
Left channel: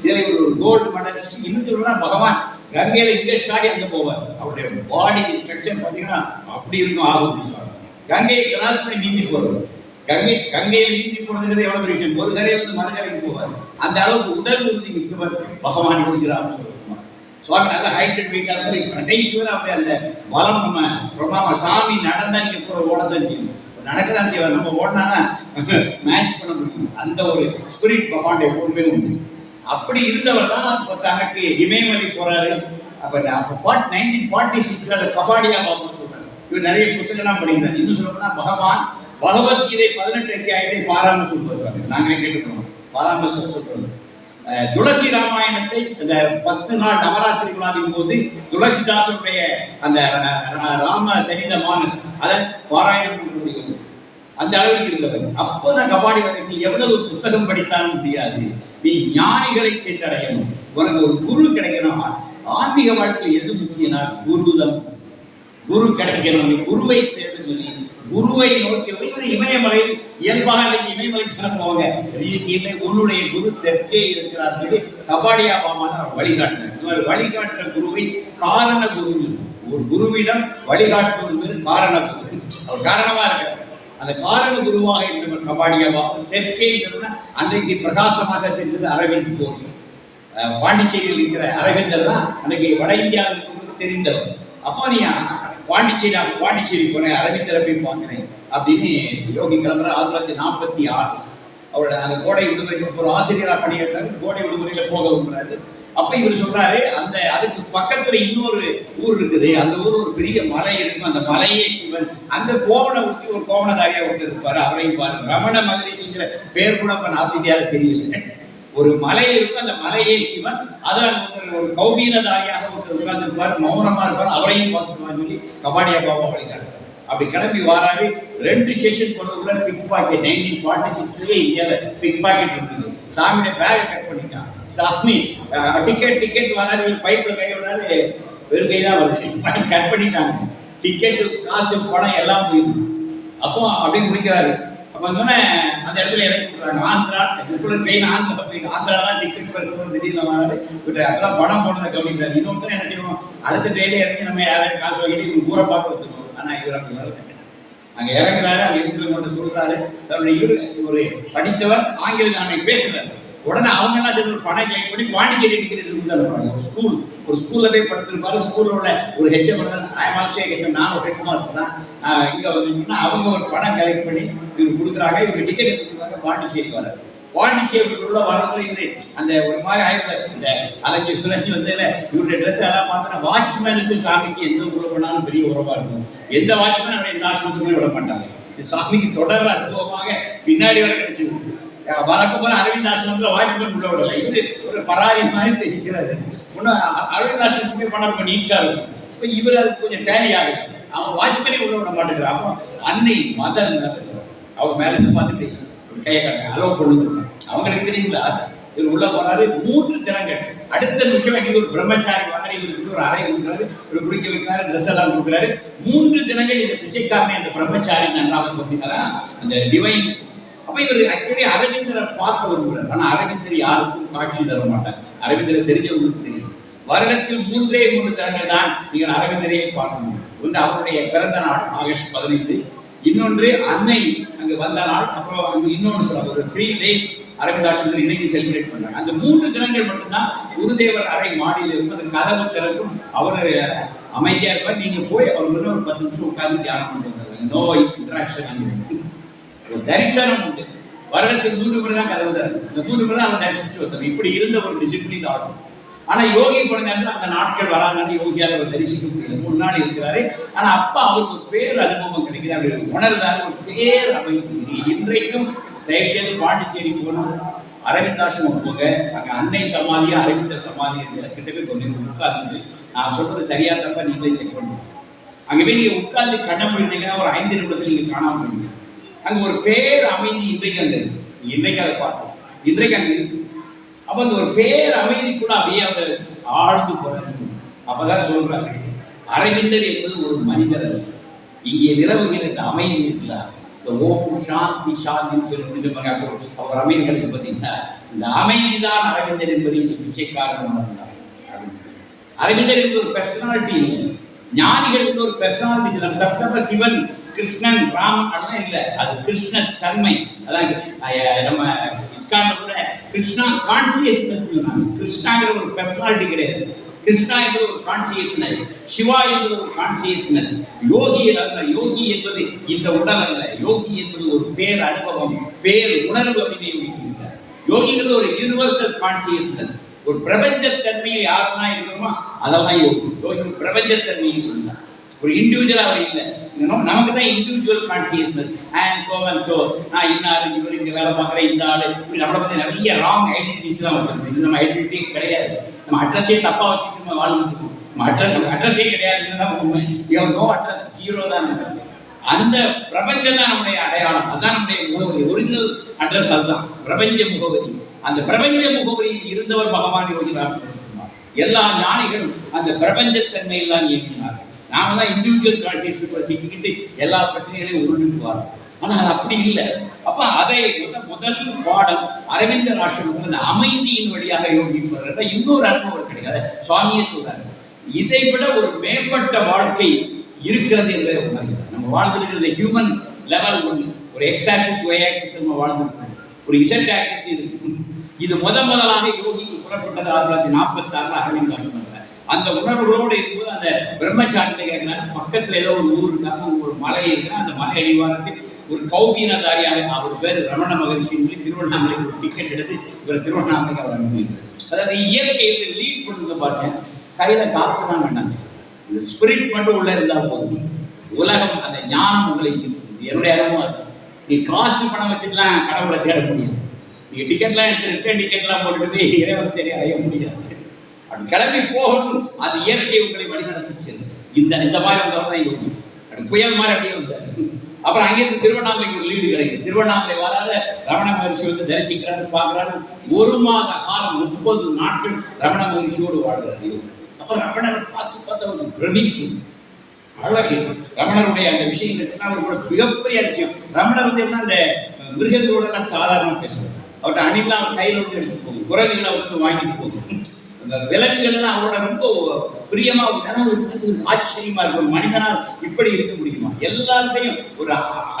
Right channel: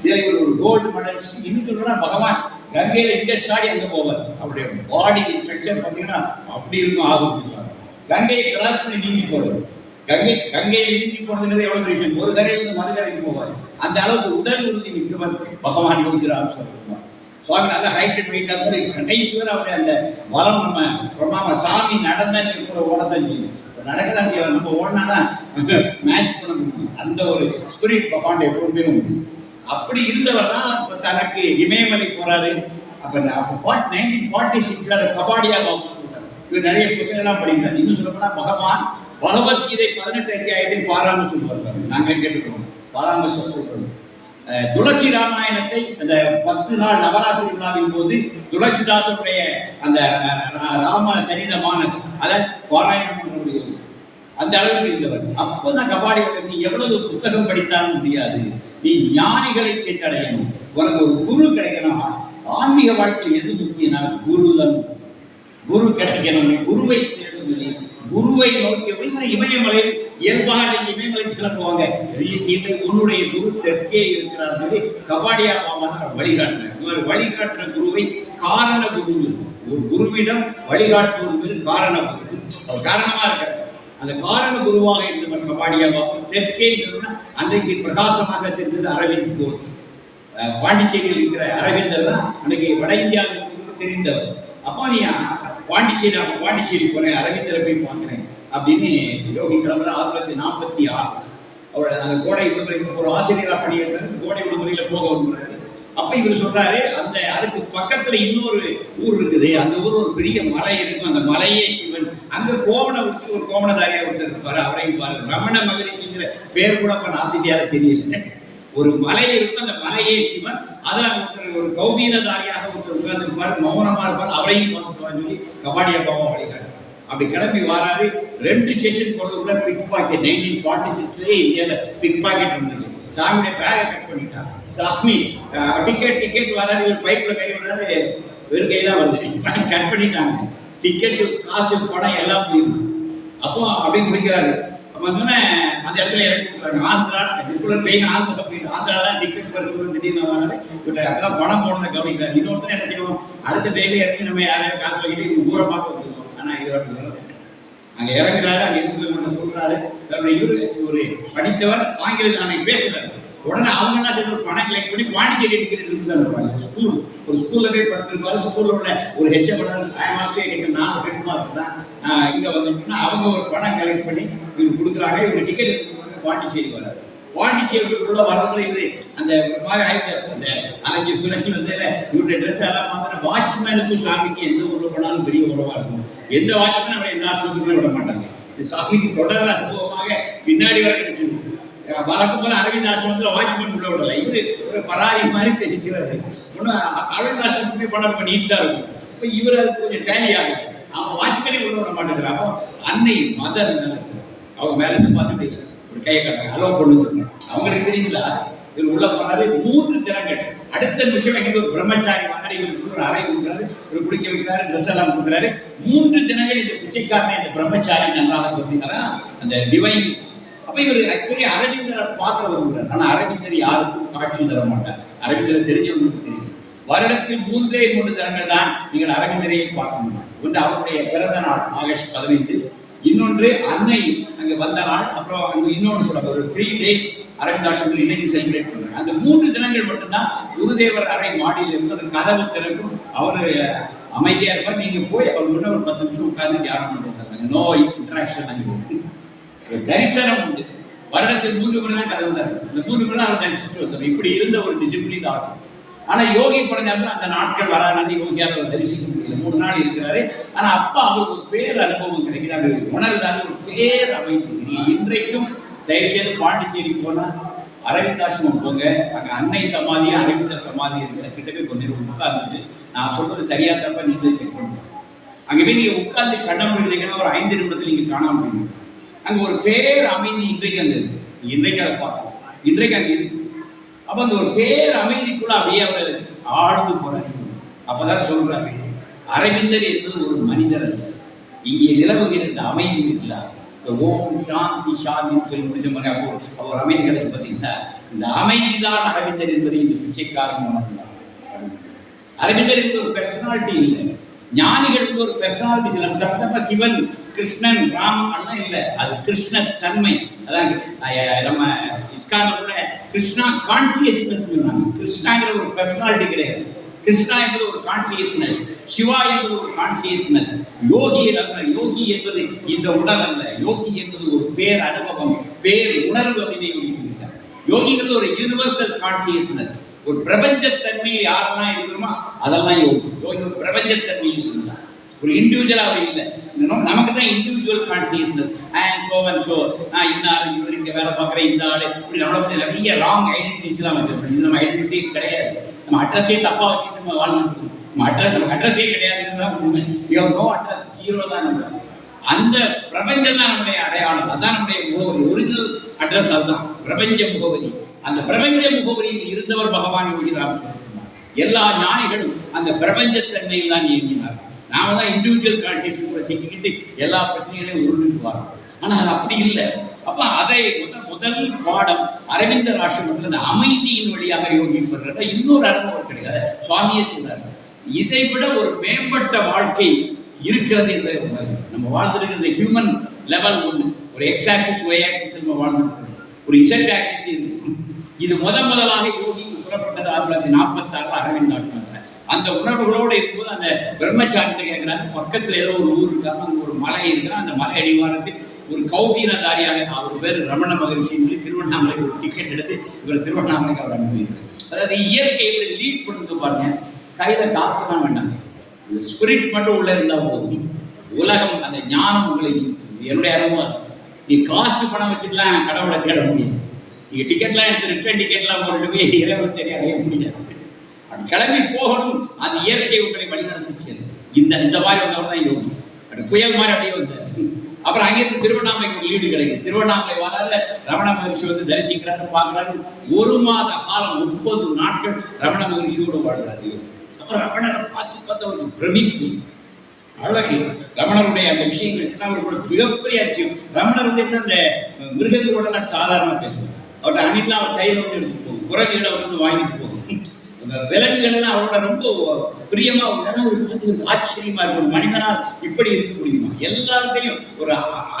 இதில் இவர் ஒரு கோல்டு மெடலிஸ்ட். இன்னும் சொல்லணும்னா பகவான் கங்கையில இங்கே ஸ்டாடி அங்கே போவார். அவருடைய பாடி ஸ்ட்ரக்சர் பார்த்தீங்கன்னா அப்படி இருக்கும். ஆகும் கங்கையை கிராஸ் பண்ணி நீந்தி போறது. கங்கையில் நீந்தி போனதுங்கிறது எவ்வளவு பெரிய விஷயம். ஒரு கரையிலிருந்து மறுகரைக்கு போவார். அந்த அளவுக்கு உடல் உறுதி மிக்கவர் பகவான் யோகிராம் சொல்லுவார். சுவாமி நல்ல ஹைட் அண்ட் வெயிட்டாக இருக்கும். கடைசி வரை அப்படியே அந்த பலம் நம்ம பிரமாம சாமி நடந்தா நீங்க கூட ஓடத்தான் செய்யும், நடக்கதான் செய்வார். நம்ம ஓடினாதான் மேட்ச் பண்ண முடியும். அந்த ஒரு ஸ்பிரிட் பகவான் எப்பவுமே உண்டு. அப்படி இருந்தவர் தான் இப்போ தனக்கு இமயமலை போறாரு. அப்போ 1946 அந்த கபாடியா பாபு சொல்றாரு. இவர் நிறைய புத்தகங்கள்லாம் படிக்கிறார். இன்னும் சொல்லப்போனா பகவான் பகவத்கீதை 18 அத்தியாயத்தில் பாராமரிசம் சொல்றாங்க. நாங்களே கேட்டுக்கிறோம் பாராமரிசம் சொல்றது. துளசி ராமாயணத்தை அந்த 10 நாள் நவராத்திரி விழாவின் போது துளசிதாசனுடைய அந்த ராம சரித மானஸ் அதை பாராயணம் பண்ண முடியும். அந்த அளவுக்கு இருந்தவர். அப்போதான் கபாடி நீ எவ்வளவு புத்தகம் படித்தாலும் முடியாது, நீ ஞானிகளை சென்றடையணும், உனக்கு ஒரு குரு கிடைக்கணும். ஆன்மீக வாழ்க்கையில் எது முக்கியம்னா குருதம், குரு கிடைக்கணும், நீ குருவை தேடும் சொல்லி குருவை நோக்கி இமயமலையில் இயல்பாக இமயமலை கிளம்புவாங்க. இல்லை உன்னுடைய குரு தெற்கே இருக்கிறார் சொல்லி கபாடியா பாபா தான் வழிகாட்டினார். இந்த மாதிரி வழிகாட்டுற குருவை காரண குரு, ஒரு குருவிடம் வழிகாட்டுவது காரண குரு, அவர் காரணமா இருக்கிறார். அந்த காரண குருவாக இருந்தவர் கபாடியா பாபா. தெற்கே அன்றைக்கு பிரகாசமாக தெரிந்தது அரவிந்த் கோரி. பாண்டிச்சேரியில் இருக்கிற அரவிந்தர் தான் அன்றைக்கு வட இந்தியாவுக்கு தெரிந்தவர். அப்போ நீ பாண்டிச்சேரி போனேன், அரவிந்தரை போய் பார்க்கிறேன் அப்படின்னு யோகி கிளம்புற 1946. அவர் அந்த கோடை விடுமுறைக்கு ஒரு ஆசிரியராக பணியேற்றாரு. கோடை விடுமுறையில் போக விடுறாரு. அப்போ இவர் சொல்றாரு, அதுக்கு பக்கத்துல இன்னொரு ஊர் இருக்குது, அந்த ஊர் ஒரு பெரிய மலை இருக்கும், அந்த மலையே சிவன். அங்க கோவணம் விட்டு ஒரு கோவணதாரியா ஒருத்தர் இருப்பாரு, அவரையும் பாரு. ரமண மகரிஷிங்கிற பேர் கூட இப்ப நார்த் இந்தியாவில் தெரியல. ஒரு மலை இருக்கும், அந்த மலையே சிவன். அதில் ஒருத்தர் ஒரு கௌபீனதாரியாக ஒருத்தர் உட்கார்ந்துருப்பார், மௌனமா இருப்பார், அவரையும் பார்த்துக்குவான்னு சொல்லி கபாடியா பாபா வழிகாட்டு. அப்படி கிளம்பி வராரு. 2 ஸ்டேஷன் கொண்டு பிக் பாக்கெட் 1946 இந்தியாவில் பிக் பாக்கெட் இருந்தது. சாமியோட பேகை கட் பண்ணிட்டான். சாமி டிக்கெட் வராது, இவர் பைப்பில் கை விடாது, வெறும் கை தான் வருது, கட் பண்ணிட்டாங்க. டிக்கெட்டு காசு பணம் எல்லாம் போயிடும். அப்போ அப்படின்னு முடிக்கிறாரு. அந்த இடத்துல இறக்கி விட்டுறாங்க. ஆந்திரா ட்ரெயின் ஆந்திரா போயிட்டு ஆந்திரா தான் டிக்கெட் பெருக்கும்போது திடீர்னு வராது விட்டு அதெல்லாம் பணம் போனதை கவனிக்கிறாரு. இன்னொருத்தர் என்ன செய்வோம், அடுத்த ட்ரெயினில் இறங்கி நம்ம யாரையும் காசு வாங்கிட்டு இவங்க ஊரை பார்க்க வந்துருக்கோம். ஆனால் இவர் அப்படி வரல. அங்கே இறங்குறாரு, அங்கே இருக்கிற கொண்டு சொல்றாரு. தன்னுடைய இவர் படித்தவர், ஆங்கிலம் நானே பேசுறாரு. உடனே அவங்க என்ன செய்ய பணம் கலெக்ட் பண்ணி பாண்டிச்சேரி இருக்கிறது ஸ்கூல், ஒரு ஸ்கூல்ல போய் படுத்திருப்பாரு. ஸ்கூல்ல உள்ள ஒரு ஹெச்எம் ஹெச்எம் நான் ஒரு ஹெட் மாஸ்டர் தான் இங்க வந்துச்சுன்னா அவங்க ஒரு பணம் கலெக்ட் பண்ணி இவர் கொடுக்குறாங்க. இவர் டிக்கெட் எடுத்துருவாங்க, பாண்டிச்சேரி வராது. பாண்டிச்சேரியில் உள்ள வரவங்களை இவரு அந்த ஒரு மாதிரி ஆயிரத்தி அந்த அலைஞ்சு சுழஞ்சி வந்ததுல இவருடைய ட்ரெஸ் எல்லாம் பார்த்தா வாட்ச்மேனுக்கும் சாமிக்கு எந்த உறவு பண்ணாலும் பெரிய உறவா இருக்கும். எந்த வாட்ச்மேன் அவரை எந்த ஆஸ்பத்திரியும் விட மாட்டாங்க. சாமிக்கு தொடர் அனுபவமாக பின்னாடி வர கிடைச்சிருக்கு. வழக்கம் போல அரவிந்த் ஆசிரமத்தில் வாட்ச்மேன் உள்ள விடல. இவரு ஒரு பராரி மாதிரி தெரிக்கிறாரு. ஒன்றும் அரவிந்த் ஆசிரமத்துமே பணம் ரொம்ப நீட்டா இருக்கும். இப்போ இவர் அதுக்கு கொஞ்சம் டேலி ஆகுது. அவன் வாட்ச்மேனே உள்ள விட மாட்டேங்கிறான். அப்போ அன்னை மதர் மேல அவங்க மேல இருந்து பார்த்துட்டு ஒரு கையை காட்டுங்க, அலோவ் பண்ணுங்க. அவங்களுக்கு தெரியுங்களா, இவர் உள்ள போனாரு. 3 தினங்கள். அடுத்த நிமிஷம் எங்க ஒரு பிரம்மச்சாரி மாதிரி இவருக்கு ஒரு அறை கொடுக்குறாரு, இவர் குடிக்க வைக்கிறாரு, ட்ரெஸ் எல்லாம் கொடுக்குறாரு. 3 தினங்கள் இந்த பிச்சைக்காரனை அந்த பிரம்மச்சாரி நன்றாக அப்படின்னா அந்த டிவைன். அப்ப இவர் ஆக்சுவலி அரவிந்தரை பார்க்க வருகிறார். ஆனா அரவிந்தர் யாருக்கும் காட்சி தர மாட்டார். அரவிந்தரை தெரிஞ்சவங்களுக்கு தெரியும். வருடத்தில் 3 தினங்கள் தான் நீங்கள் அரவிந்தரையே பார்க்க முடியும். ஒன்று அவருடைய பிறந்த நாள் ஆகஸ்ட் 15, இன்னொன்று அன்னை அங்கே வந்த நாள், அப்புறம் அங்கே இன்னொன்று சொல்ல ஒரு 3 days அரவிந்தாசிரமத்தில் இன்னைக்கு செலிப்ரேட் பண்றாங்க. அந்த 3 தினங்கள் மட்டும்தான் குருதேவர் அறை மாடியில் இருக்கும். அது கதவு திறக்கும், அவர் அமைதியா இருப்பார். நீங்க போய் அவர் முன்ன ஒரு 10 நிமிஷம் உட்கார்ந்து தியானம் பண்ணுறாங்க. நோ இன்டராக்ஷன், அங்கே ஒரு தரிசனம் உண்டு. வருடத்தில் 3 முறை தான் கதவு திறக்கும். இந்த 3 முறை தான் அவர் தரிசிச்சுட்டு வந்தார். இப்படி இருந்த ஒரு டிசிப்ளின் ஆகும். ஆனா யோகி போன நேரத்தில் அந்த நாட்கள் வராது, யோகியால் அவர் தரிசிக்க முடியல. 3 நாள் இருக்கிறாரு. ஆனா அப்ப அவருக்கு ஒரு பேர் அனுபவம் கிடைக்குது. அவர் உணர்ந்தாரு, ஒரு பேர் அமைப்பு. இன்றைக்கும் தயவுசெய்து பாண்டிச்சேரி போனா அரவிந்தாசிரமம் போங்க. அங்க அன்னை சமாதி, அரவிந்தர் சமாதி இருக்கிற கிட்ட போய் கொஞ்சம் உட்கார்ந்துட்டு நான் சொல்றது சரியா தப்பா நீங்களே செக் பண்ணுங்க. அங்கே போய் நீங்க உட்கார்ந்து கண்ண போயிருந்தீங்கன்னா ஒரு 5 நிமிடத்தில் நீங்க காணாம போயிருங்க. அங்க ஒரு பேர் அமைதி இன்றைக்கு அங்க இருக்கு. இன்றைக்கு அதை பார்ப்போம், இன்றைக்கு அங்க இருக்கு. அப்ப அந்த ஒரு பேர் அமைதிக்குள்ள அப்படியே அவர் ஆழ்ந்து போறாரு. அப்பதான் சொல்றாரு, அரவிந்தர் என்பது ஒரு மனிதர் அல்ல, இங்கே நிலவுகிற இந்த அமைதி இருக்கிறார். ஓம் சாந்தி சாந்தின்னு சொல்லி முடிஞ்ச மாதிரி அப்போ அவர் அமைதி கிடைக்கும். பார்த்தீங்கன்னா இந்த அமைதிதான் அரவிந்தர் என்பதை இந்த பிச்சைக்காரன் உணர்ந்தார். அரவிந்தர் என்பது ஒரு பெர்சனாலிட்டி இல்லை, ஞானிகளுக்கு ஒரு பெர்சனாலிட்டி இல்லை. தப்ப சிவன் கிருஷ்ணன் ராமன் அதெல்லாம் இல்லை, அது கிருஷ்ண தன்மை. அதான் நம்ம இஸ்கான்ல கூட கிருஷ்ணா கான்சியஸ்னஸ் சொன்னாங்க. கிருஷ்ணாங்கிற ஒரு பெர்சனாலிட்டி கிடையாது. கிருஷ்ணா என்பது ஒரு கான்சியஸ்னஸ், சிவா என்பது ஒரு கான்சியஸ்னஸ். யோகி அல்ல, யோகி என்பது இந்த உடல் அல்ல, யோகி என்பது ஒரு பேர் அனுபவம், பேர் உணர்வு அப்படின்னு யோகிக்கிறார். யோகிங்கிறது ஒரு யூனிவர்சல் கான்சியஸ்னஸ், ஒரு பிரபஞ்சத்தன்மையில் யாரெல்லாம் இருக்கிறோமோ அதெல்லாம் யோகி. யோகி ஒரு பிரபஞ்சத்தன்மையில் இருந்தார், ஒரு இண்டிவிஜுவல் அவர் இல்லை. நமக்கு தான் இண்டிவிஜுவல் கான்சியஸ்னஸ். நான் இன்னாரு இவர் இங்கே வேலை பார்க்குறேன், இந்த ஆள் இப்படி நம்மளை பற்றி நிறைய ராங் ஐடென்டிட்டிஸ்லாம் வச்சிருக்கோம். இது நம்ம ஐடென்டிட்டி கிடையாது. நம்ம அட்ரஸே தப்பாக வச்சுட்டு நம்ம வாழ்ந்துட்டு இருக்கோம். நம்ம அட்ரஸே கிடையாதுன்னு தான் உண்மை. நோ அட்ரஸ், 0 தான். அந்த பிரபஞ்சம் தான் நம்முடைய அடையாளம், அதுதான் நம்முடைய முகவரி, ஒரிஜினல் அட்ரஸ் அதுதான் பிரபஞ்ச முகவரி. அந்த பிரபஞ்ச முகவரியில் இருந்தவர் பகவான் யோகி ராமகிருஷ்ணன். எல்லா ஞானிகளும் அந்த பிரபஞ்சத்தன்மையில் தான் இயங்கினார்கள். நாம தான் இண்டிவிஜுவல் கான்சியஸ்னஸ் சிக்கிக்கிட்டு எல்லா பிரச்சனைகளையும் உருண்டுக்குவாங்க. ஆனால் அது அப்படி இல்லை. அப்ப அதை முதல் பாடம் அரவிந்தர் ஆசிரமத்தில் அந்த அமைதியின் வழியாக யோகி பெறுற இன்னொரு அனுபவம் கிடையாது. சுவாமியே சொல்றாரு, இதை விட ஒரு மேம்பட்ட வாழ்க்கை இருக்கிறது என்பதை உணர்கிறோம். நம்ம வாழ்ந்துருக்கிற ஹியூமன் லெவல் ஒன்று, ஒரு எக்ஸ் ஆக்சிஸ் ஒய் ஆக்சிஸ் நம்ம வாழ்ந்துருக்கோம், ஒரு இசட் ஆக்சிஸ் இருக்கு. இது முதலாக யோகி புறப்பட்டது 1946 அரவிந்த் ஆசிரமத்தில். அந்த உணர்வுகளோடு இருக்கும்போது அந்த பிரம்மச்சாரிட்ட கேட்கிறாங்க, பக்கத்தில் ஏதோ ஒரு ஊர் இருக்காங்க, அங்கே ஒரு மலை இருக்குன்னா அந்த மலை அடிவாரத்தில் ஒரு கௌபீனதாரியாக, அவர் பேர் ரமண மகரிஷின்னு சொல்லி திருவண்ணாமலைக்கு ஒரு டிக்கெட் எடுத்து இவர் திருவண்ணாமலைக்கு அவர் அனுப்பியிருக்காரு. அதாவது இயற்கையில் லீட் பண்ணுங்க பாருங்க, கையில் காசுலாம் வேண்டாங்க, இந்த ஸ்பிரிட் மட்டும் உள்ள இருந்தால் போதும். உலகம் அந்த ஞானம் உங்களை என்னுடைய அனுபவம். நீ காசு பணம் வச்சுட்டுலாம் கடவுளை தேட முடியாது. நீங்கள் டிக்கெட்லாம் எடுத்து ரிட்டர்ன் டிக்கெட்லாம் போட்டுட்டு போய் இறைவன் தெரிய அடைய முடியாது. அப்படி கிளம்பி போகணும், அது இயற்கை உங்களை வழிநடத்திச்சு. இந்த மாதிரி வந்தவர் தான் யோகி. அப்படி புயல் மாதிரி அப்படியே வந்தார். அப்புறம் அங்கேருந்து திருவண்ணாமலைக்கு ஒரு லீடு கிடைக்குது. திருவண்ணாமலை வராரு, ரமண மகரிஷி வந்து தரிசிக்கிறாரு, பார்க்குறாரு. 1 மாத காலம் 30 நாட்கள் ரமண மகரிஷியோடு வாழ்கிறார் யோகி. அப்புறம் ரமணரை பார்த்து அவருக்கு பிரமிப்பு, அழகு. ரமணருடைய அந்த விஷயங்கள் அவருக்கு ஒரு மிகப்பெரிய விஷயம். ரமணர் வந்து என்ன, அந்த மிருகங்களோடலாம் சாதாரணமாக பேசுவார். அவர்கிட்ட அணிலாம் அவர் கையில் வந்து எடுத்து போகும், குரங்குகளை அவர் வந்து வாங்கிட்டு போகும். அந்த விலங்குகள் எல்லாம் அவரோட ரொம்ப பிரியமா ஒரு ஆச்சரியமா இருக்கு. ஒரு மனிதனால் இப்படி இருக்க முடியுமா? எல்லாத்தையும் ஒரு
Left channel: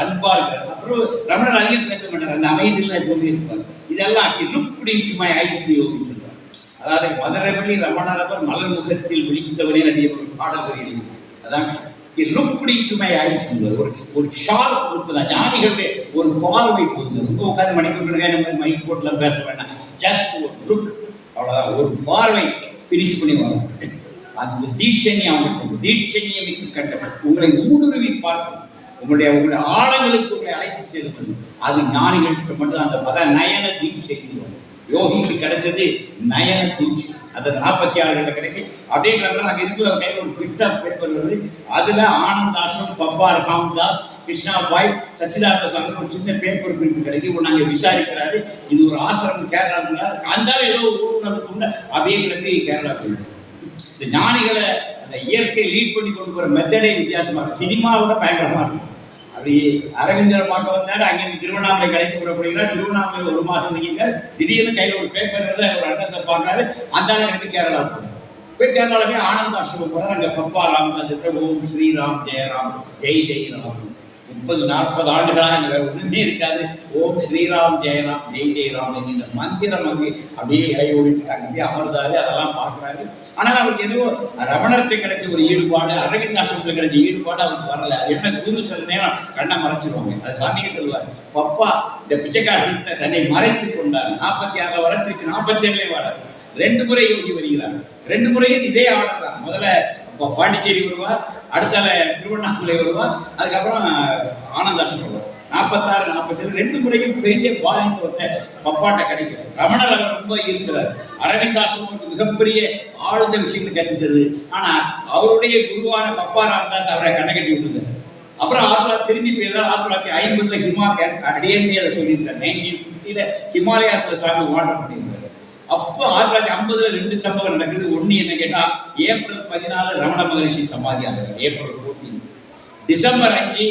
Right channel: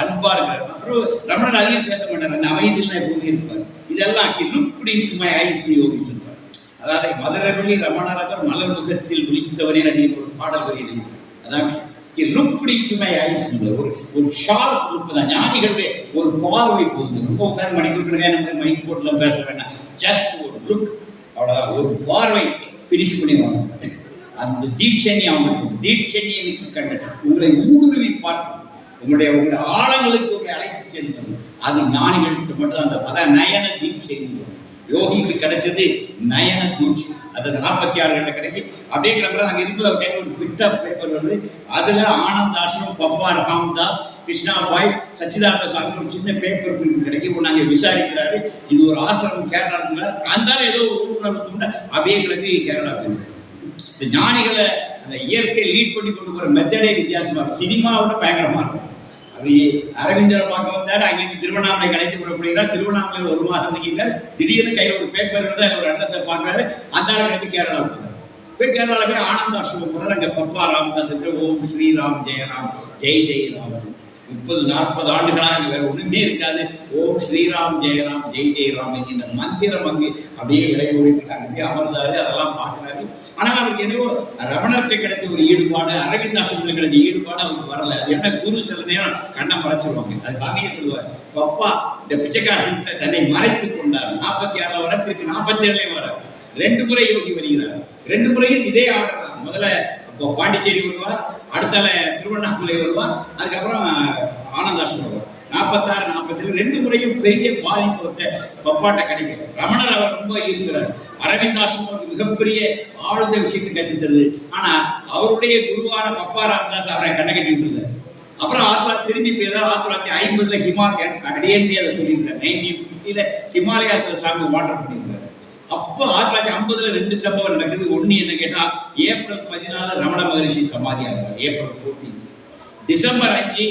அன்பா இருக்கிறார். அப்புறம் ரமணர் அதிகம் பேச மாட்டார், அந்த அமைதியில் எப்பவுமே இருப்பார். இதெல்லாம் லுக் இன்டு மை ஐஸ் யோகி சொல்றார். அதாவது மதுரவள்ளி ரமணரவர் மலர் முகத்தில் விழித்தவரே நடிகை ஒரு பாடல் வரி எழுதி. அதான் லுக் இன்டு மை ஐஸ், ஒரு ஷார்ப் லுக் தான். ஞானிகளுடைய ஒரு பார்வை போகுது. ரொம்ப உட்காந்து மணிக்கூட்டு மைக் போட்டுலாம் பேச வேண்டாம், ஜஸ்ட் ஒரு லுக், அவ்வளோதான். ஒரு பார்வை பினிஷ் பண்ணி வரும். அந்த தீட்சண்யம் அவங்களுக்கு தீட்சண்யம் மிக்க கண்ட உங்களை ஊடுருவி பார்க்கும், உங்களுடைய ஆழங்களுக்கு உங்களை அழைத்து செல்வது. அது ஞானிகளுக்கு மட்டும் அந்த பத நயன தீட்சை. யோகிக்கு கிடைச்சது நயன தீட்சை. அது 46 கிடைக்கி அப்படியே கிளம்புறது. அங்கே இருக்கிற கையில் ஒரு பிட் ஆஃப் பேப்பர் வருது. அதில் ஆனந்த் ஆசிரம், பப்பா ராம்தாஸ், கிருஷ்ணாபாய், சச்சிதானந்த சாமி ஒரு சின்ன பேப்பர் பிரிண்ட் கிடைக்கும். நாங்கள் விசாரிக்கிறாரு, இது ஒரு ஆசிரமம் கேரளாவுக்குள்ள. அந்த ஏதோ உணர்வு அப்படியே கிளம்பி கேரளா போயிடும். இந்த ஞானிகளை அந்த இயற்கை லீட் பண்ணி கொண்டு போகிற மெத்தடே வித்தியாசமாக இருக்கும். சினிமாவோட பயங்கரமாக இருக்கும். அப்படி அரவிந்தரை பார்க்க வந்தார், அங்கேருந்து திருவண்ணாமலை கலைத்து புறப்படுகிறார். திருவண்ணாமலை 1 மாதம் தங்கிட்டார். திடீர்னு கையில் ஒரு பேப்பர் வந்து ஒரு அட்ரஸை பார்க்குறாரு. அந்த கிளம்பி கேரளா போகிறார். போய் கேரளாவில் போய் ஆனந்த ஆசிரமம் போகிறார். அங்கே பப்பா ராமதாஸ் ஓம் ஸ்ரீராம் ஜெயராம் ஜெய் ஜெயராம் 30-40 ஆண்டுகளாக அங்கே வேறு ஒன்றுமே இருக்காது. ஓம் ஸ்ரீராம் ஜெயராம் ஜெய் ஜெயராம் இந்த மந்திரம் அங்கே அப்படியே இலையோடிட்டு அங்கே அமர்ந்தாரு. அதெல்லாம் பார்க்குறாரு. ஆனால் அவருக்கு எதுவோ ரமணர்கிட்ட கிடைச்ச ஒரு ஈடுபாடு, அரவிந்த் ஆசிரமத்தில் கிடைச்ச ஈடுபாடு அவருக்கு வரல. அது என்ன, குரு சில நேரம் கண்ணை மறைச்சிருவாங்க. அது சாமியே சொல்லுவார், பப்பா இந்த பிச்சைக்காரர்கிட்ட தன்னை மறைத்து கொண்டார். 46 வர, திருப்பி 47 வர 2 முறை யோகி வருகிறார். 2 முறையும் இதே ஆர்டர் தான். முதல்ல பாண்டிச்சேரி வருவார், அடுத்தால திருவண்ணாமலை வருவார், அதுக்கப்புறம் ஆனந்தாசிரம் வருவார். 46, 47 2 முறையும் பெரிய பாதிப்பு வந்து பப்பாட்ட கிடைக்கிறது. ரமணர் அவர் ரொம்ப இருக்கிறார். அரவிந்தாசிரமம் மிகப்பெரிய ஆழ்ந்த விஷயத்தை கற்றுத்தருது. ஆனால் அவருடைய குருவான பப்பா ராமதாஸ் அவரை கண்ணை கட்டி விட்டுருந்தார். அப்புறம் திரும்பி போயிருந்தார். 1950 ஹிமாலயன் அடியேன்னு அதை சொல்லியிருக்கார். 1950 ஹிமாலயாஸில் சாமி வாட்டர் பண்ணியிருந்தார். அப்போ 1950 2 சம்பவம் நடக்குது. ஒன்று என்ன கேட்டால், ஏப்ரல் 14 ரமண மகரிஷி சமாதி ஆகிறார். ஏப்ரல் 14. டிசம்பர் 5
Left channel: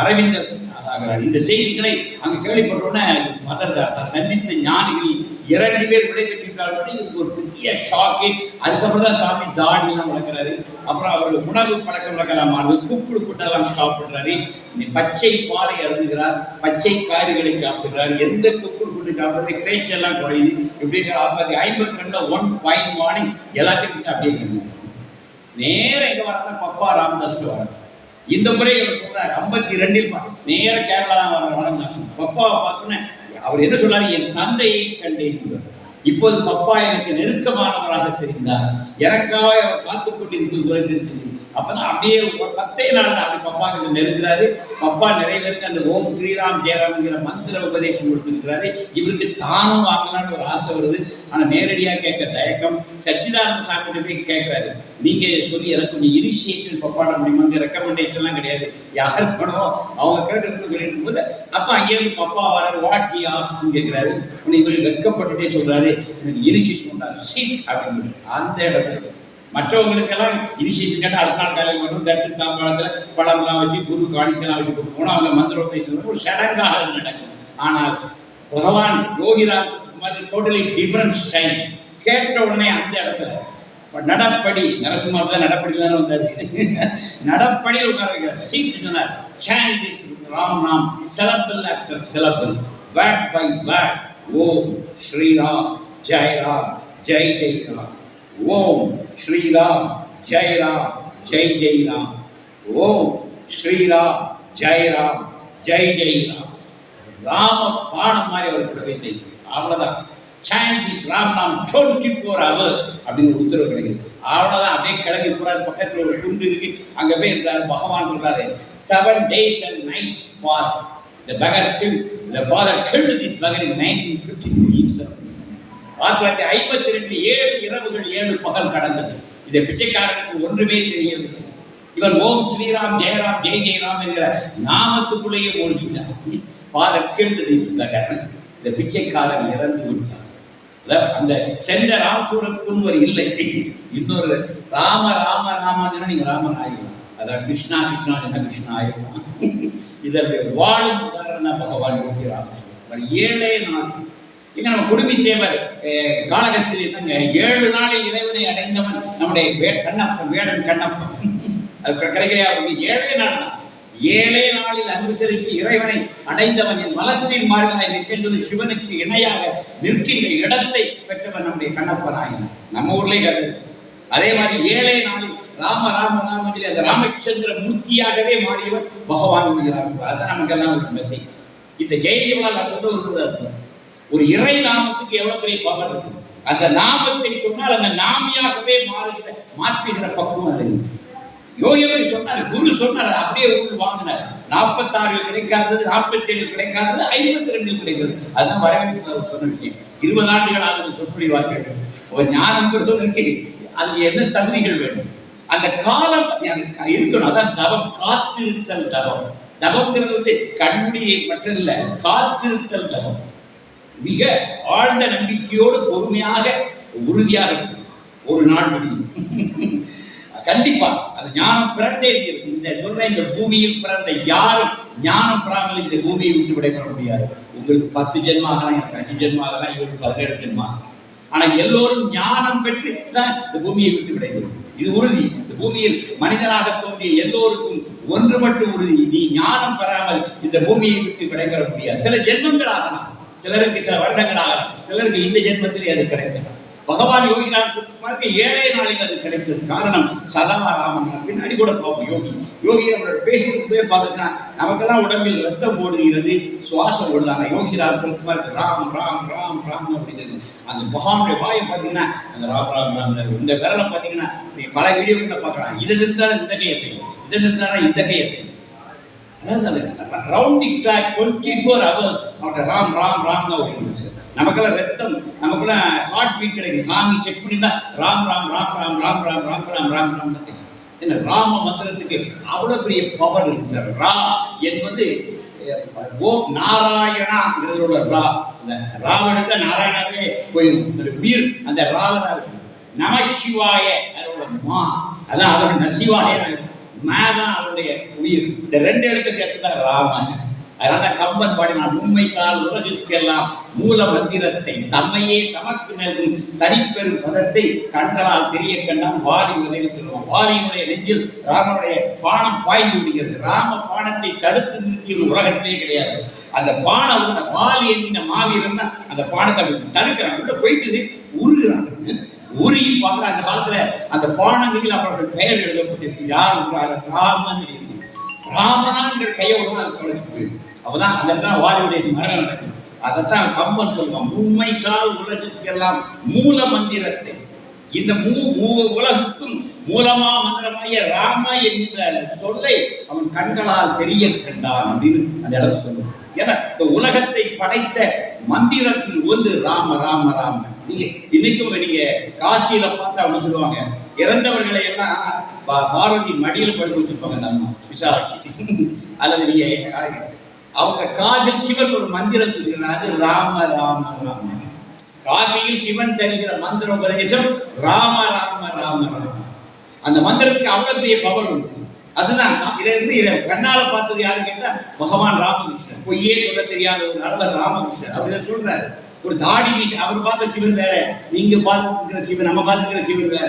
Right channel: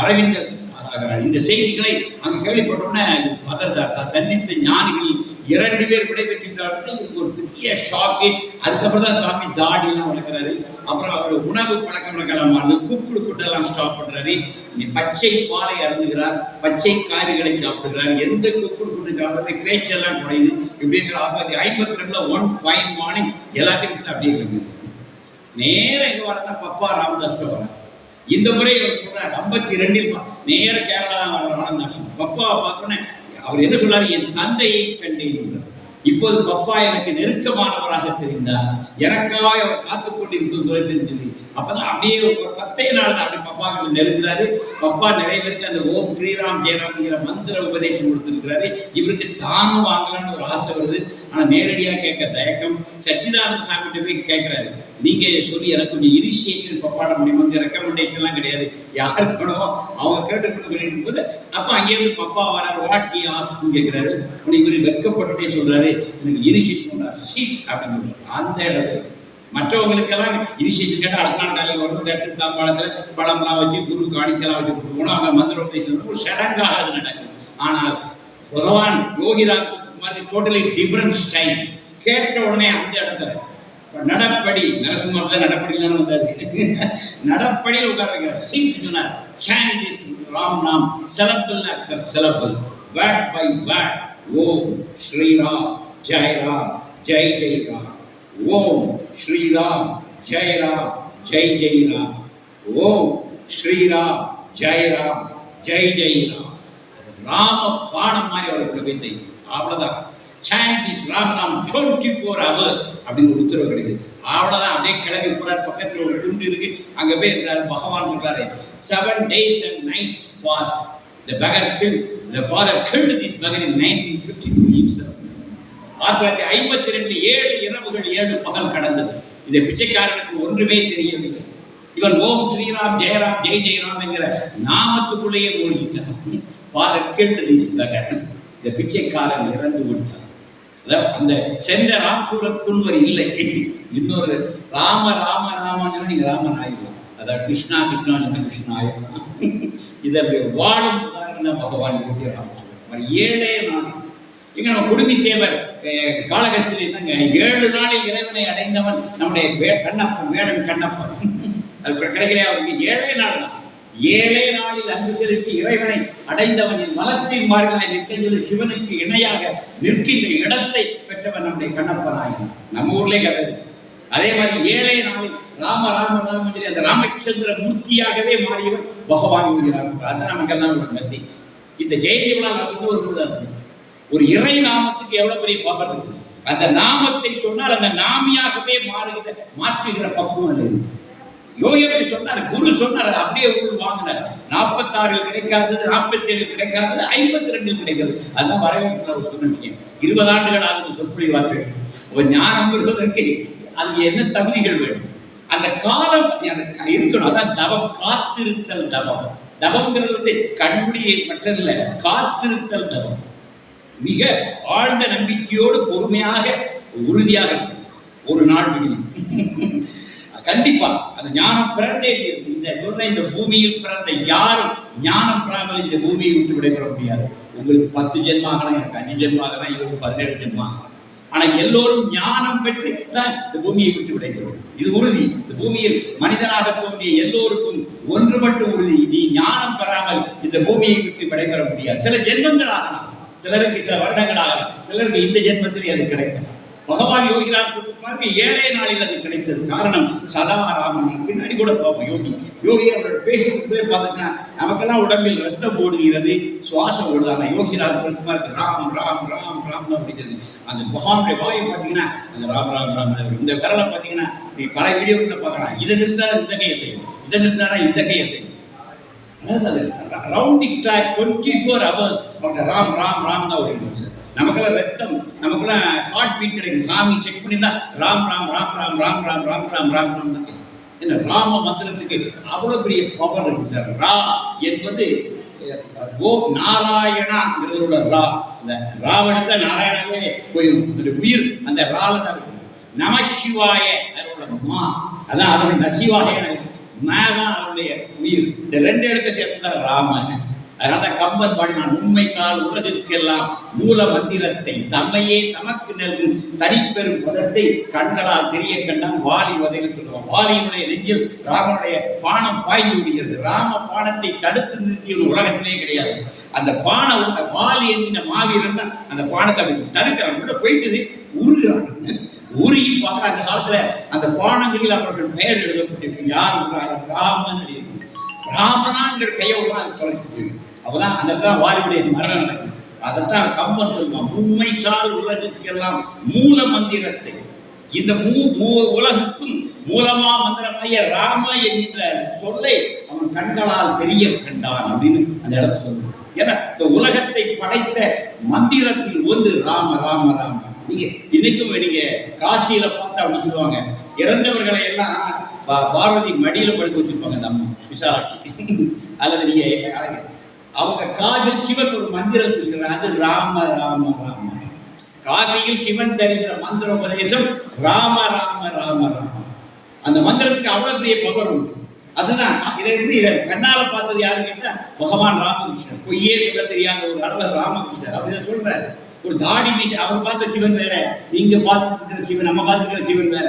அரவிந்தர் ஆகிறார். இந்த செய்திகளை அங்கே கேள்விப்பட்டோன்னே பதர்தார். சந்தித்த ஞானிகள் 2 பேர் விடைபெற்றார்கள். இதுக்கு ஒரு பெரிய ஷாக்கு. அதுக்கப்புறம் தான் சாமி தாடியெல்லாம் வளர்க்குறாரு. அப்புறம் அவர் உணவு பழக்கம் வழக்கலாம் மாறுது. கூப்பிடு ஃபுட்டெல்லாம் ஸ்டாப் பண்ணுறாரு. பச்சை பாலை அருந்துகிறார், பச்சை காய்கறிகளை சாப்பிடுகிறார். எந்த கூப்பிடு ஃபுட்டு சாப்பிட்றது, பேச்செல்லாம் குறையுது. இப்படிங்கிற 1952 1 ஃபைன் மார்னிங் எல்லாத்தையும் விட்டு அப்படியே கிடைக்கும். நேரம் எங்கே வரனா பப்பா ராமதாஸ்ட்டு வர. இந்த முறை அவர் சொல்றார் 52 நேர கேரளா தான் வர ஆனந்தாசிரம். பப்பாவை பார்த்தோன்னே அவர் என்ன சொல்றாரு, என் தந்தையை கண்டேன். இப்போது பப்பா எனக்கு நெருக்கமானவராக தெரிந்தார், எனக்காக அவர் காத்துக் கொண்டிருப்பது போல தெரிஞ்சது. அப்பதான் அப்படியே ஒரு 10 நாள் அப்படி பப்பா கிட்ட நெருங்குறாரு. பப்பா நிறைய பேருக்கு அந்த ஓம் ஸ்ரீராம் ஜெயராம்ங்கிற மந்திர உபதேசம் கொடுத்திருக்கிறாரு. இவருக்கு தானும் வாங்கலான்னு ஒரு ஆசை வருது. ஆனா நேரடியா கேட்க தயக்கம். சச்சிதானந்த சாமிகிட்ட போய் கேட்கிறாரு, நீங்க சொல்லி எனக்கு கொஞ்சம் இனிஷியேஷன் பப்பாட முடியுமா? ரெக்கமெண்டேஷன்லாம் கிடையாது, யாருக்கு வேணுமோ அவங்க கேட்டு சொல்லிட்டு போது அப்ப அங்கேயிருந்து பப்பா வர வாட்டி ஆசுன்னு கேட்கிறாரு. இவர் வெட்கப்பட்டுட்டே சொல்றாரு, எனக்கு இனிஷியேஷன் அப்படின்னு. அந்த இடத்துல மற்றவங்களுக்கெல்லாம் இனிஷியேஷன் கேட்டால் அடுத்த நாள் காலையில் வரும், தட்டு தாம்பாளத்தில் பழம்லாம் வச்சு குரு காணிக்கெல்லாம் வச்சு கொடுத்து போனால் அவங்க மந்திர உபதேசம் ஒரு சடங்காக நடக்கும். ஆனால் பகவான் யோகிராம் மாதிரி டோட்டலி டிஃப்ரெண்ட் ஸ்டைல். கேட்ட உடனே அந்த இடத்துல நடப்படி நரசிம்மா தான் நடப்படியில் தானே வந்தார், நடப்படியில் உட்கார வைக்கிறார். சீட்டு சொன்னார், chant this ராம் நாம் syllable after syllable, word by word. ஓம் ஸ்ரீராம் ஜெயராம் ஜெய் ஜெய்ராம், ஓம் ஸ்ரீராம் ஜெயராம் ஜெய் ஜெய்ராம், ஓம் ஸ்ரீராம் ஜெயராம் ஜெய் ஜெய்ராம். ராம பாடம் மாதிரி அவருக்கு வைத்தை. அவ்வளவுதான். chant this ராம் நாம் 24 hours அப்படின்னு ஒரு உத்தரவு கிடைக்குது. அவ்வளவுதான். அப்படியே கிளம்பி போறாரு. பக்கத்துல ஒரு குண்டு இருக்கு, அங்க போய் இருக்கிறாரு. பகவான் சொல்றாரு, 7 days and nights passed. The beggar killed, the father killed this beggar in 1952 himself. 1952 7 இரவுகள் 7 பகல் கடந்தது. இந்த பிச்சைக்காரனுக்கு ஒன்றுமே தெரியவில்லை. இவன் ஓம் ஸ்ரீராம் ஜெயராம் ஜெய் ஜெயராம் என்கிற நாமத்துக்குள்ளேயே மூழ்கிட்டான். Father killed this beggar. இந்த பிச்சைக்காரன் இறந்து விட்டான். அந்த சென்ற ராமசூரத்துக்கு இல்லை, இன்னொரு ராம ராம ராமன் நீங்க ராமன் ஆயிடலாம். அதாவது கிருஷ்ணா கிருஷ்ணா கிருஷ்ணா ஆயிடலாம். இதனுடைய வாழும் உதாரணம் பகவான் யோகி ராமன். 7 நாள் எங்க நம்ம குடுமி தேவர் காளகஸ்தி 7 நாளில் இறைவனை அடைந்தவன் நம்முடைய கண்ணப்பன், வேடன் கண்ணப்பன். அது கிடைக்கிறே அவருக்கு 7 நாள் தான். 7 நாளில் அன்பு செலுத்தி இறைவனை அடைந்தவன் என் மலத்தின் மார்கனாய் நிற்கின்ற சிவனுக்கு இணையாக நிற்கின்ற இடத்தை பெற்றவன் நம்முடைய கண்ணப்பனாயினான். நம்ம ஊர்லேயே கிடையாது. அதே மாதிரி 7 நாளில் ராம ராம ராம சொல்லி அந்த ராமச்சந்திர மூர்த்தியாகவே மாறியவர் பகவான் என்கிறார். அதுதான் நமக்கெல்லாம் ஒரு மெசேஜ். இந்த ஜெயஜீவனால் ஒரு இறை நாமத்துக்கு எவ்வளவு பெரிய பவர் இருக்கு. அந்த நாமத்தை சொன்னால் அந்த நாமியாகவே மாற்றுகிற பக்குவம் அது. யோகியவர் சொன்னார், குரு சொன்னார், அப்படியே உருள் வாங்கினார். 46 கிடைக்காதது, 47 கிடைக்காதது, 52 கிடைக்கிறது. அதுதான் வரவேற்பு அவர் சொன்ன விஷயம். 20 ஆண்டுகள் ஆகுது சொற்பொழிவார்கள். ஒரு ஞானம் பெறுவதற்கு அது என்ன தகுதிகள் வேணும்? அந்த காலம் இருக்கணும். அதான் தவம், காத்திருத்தல் தவம். தவம்ங்கிறது கண்முடியை மட்டுமல்ல, காத்திருத்தல் தவம். மிக ஆழ்ந்த நம்பிக்கையோடு பொறுமையாக உறுதியாக ஒரு நாள் முடியும். கண்டிப்பா அது ஞானம் பிறந்தே இருக்கு. இந்த சொல்ற இந்த பூமியில் பிறந்த யாரும் ஞானம் பெறாமல் இந்த பூமியை விட்டு விடைபெற முடியாது. உங்களுக்கு 10 ஜென்மம் ஆகலாம், எனக்கு 5 ஜென்மம் ஆகலாம், இவருக்கு 17 ஜென்மம் ஆகலாம். ஆனா எல்லோரும் ஞானம் பெற்று தான் இந்த பூமியை விட்டு விடைபெறும். இது உறுதி. இந்த பூமியில் மனிதனாக தோன்றிய எல்லோருக்கும் ஒன்று மட்டும் உறுதி, நீ ஞானம் பெறாமல் இந்த பூமியை விட்டு விடைபெற முடியாது. சில ஜென்மங்கள் ஆகலாம், சிலருக்கு சில வருடங்கள் ஆகலாம், சிலருக்கு இந்த ஜென்மத்திலே அது கிடைக்கலாம். பகவான் யோகிராம் பாருங்க 7 நாளில் அது கிடைத்தது. காரணம் சதாராமன். பின்னாடி கூட பார்ப்போம். யோகி அவரோட பேசிட்டு பார்த்தீங்கன்னா நமக்கெல்லாம் உடம்பில் ரத்தம் ஓடுகிறது, சுவாசம் ஓடுதாங்க. யோகிராம் ராம் ராம் ராம் ராம் அப்படிங்கிறது. அந்த பகவானுடைய வாயை பார்த்தீங்கன்னா அந்த ராம் ராம் ராம். இந்த விரலை பார்த்தீங்கன்னா பல வீடியோக்களை பார்க்கலாம். இதை நிறுத்தாலும் இந்த கையை செய்யும், இதை நிறுத்தாலும் இந்த கையை செய்யும். அதாவது ரவுண்டிங் ட்ராக் 24 hours அவர்கிட்ட ராம் ராம் ராம் தான் ஒரு. நமக்கெல்லாம் ரத்தம், நமக்கெல்லாம் ஹார்ட் பீட் கிடைக்கும். சாமி செக் பண்ணியிருந்தா ராம் ராம் ராம் ராம் ராம் ராம் ராம் ராம் ராம் ராம் தான். என்ன ராம மந்திரத்துக்கு அவ்வளோ பெரிய பவர் இருக்கு சார். ரா என்பது ஓம் நாராயணாங்கிறதோட ரா. இந்த ராவனுக்கு நாராயணாவே போயிடும். அந்த உயிர் அந்த ரால தான் இருக்கு. நம சிவாய அதோட மா, அதான் அதோட நசிவாய மேதான் அவருடைய உயிர். இந்த 2 எழுத்து சேர்த்து தான் ராமன். அதனால கம்பன் பாடினான், உண்மை சால் உலகிற்கெல்லாம் மூல மந்திரத்தை தம்மையே தமக்கு நல்கும் தனிப்பெரும் பதத்தை கண்களால் தெரிய கண்டான் வாலி வதைன்னு சொல்லுவான். வாலியினுடைய நெஞ்சில் ராமனுடைய பானம் பாய்ந்து விடுகிறது. ராம பானத்தை தடுத்து நிறுத்திய ஒரு உலகத்திலே கிடையாது. அந்த பானம் வாலி என்கிற மாவீரன் தான் அந்த பானத்தை தடுக்கிறான். உள்ள போயிட்டு உருகிறான். உருகி பார்க்குற அந்த காலத்துல அந்த பானங்களில் அவர்கள் பெயர் எழுதப்பட்டிருக்கு. யார் ராமன் எழுதியிருக்கும். ராமனாங்கிற கையோடு தான் அது தொலைச்சு போயிடும். அப்பதான் அந்த இடத்துல வாலியுடைய மரணம் நடக்கும். அதைத்தான் கம்பன் சொல்லுவான், உண்மை சால் உலகுக்கெல்லாம் மூல மந்திரத்தை. இந்த உலகுக்கும் மூலமா மந்திரமாய ராம என்கின்ற சொல்லை அவன் கண்களால் தெரிய கண்டான் அப்படின்னு அந்த இடத்துல சொல்லுவான். ஏன்னா இந்த உலகத்தை படைத்த மந்திரத்தில் ஒன்று ராம ராம ராம. நீங்க இன்னைக்கும் நீங்க காசியில பார்த்து அவங்க சொல்லுவாங்க, இறந்தவர்களை எல்லாம் பார்வதி மடியில படுத்து வச்சிருப்பாங்க அந்த அம்மா விசாலாட்சி. அல்லது நீங்க அவங்க காதில் சிவன் ஒரு மந்திரம் சொல்கிறார், அது ராம ராம ராம. காசியில் சிவன் தருகிற மந்திர உபதேசம் ராம ராம ராம ராம. அந்த மந்திரத்துக்கு அவ்வளவு பெரிய பவர் உண்டு. அதுதான் இதை கண்ணால பார்த்தது யாரு கேட்டா பகவான் ராமகிருஷ்ணன். பொய்யே சொல்ல தெரியாத ஒரு அளவு ராமகிருஷ்ணன் அப்படின்னு சொல்றாரு. ஒரு தாடி மீசி அவர் பார்த்த சிவன் வேற, நீங்க பார்த்துருக்கிற சிவன், நம்ம பார்த்துருக்கிற சிவன் வேற.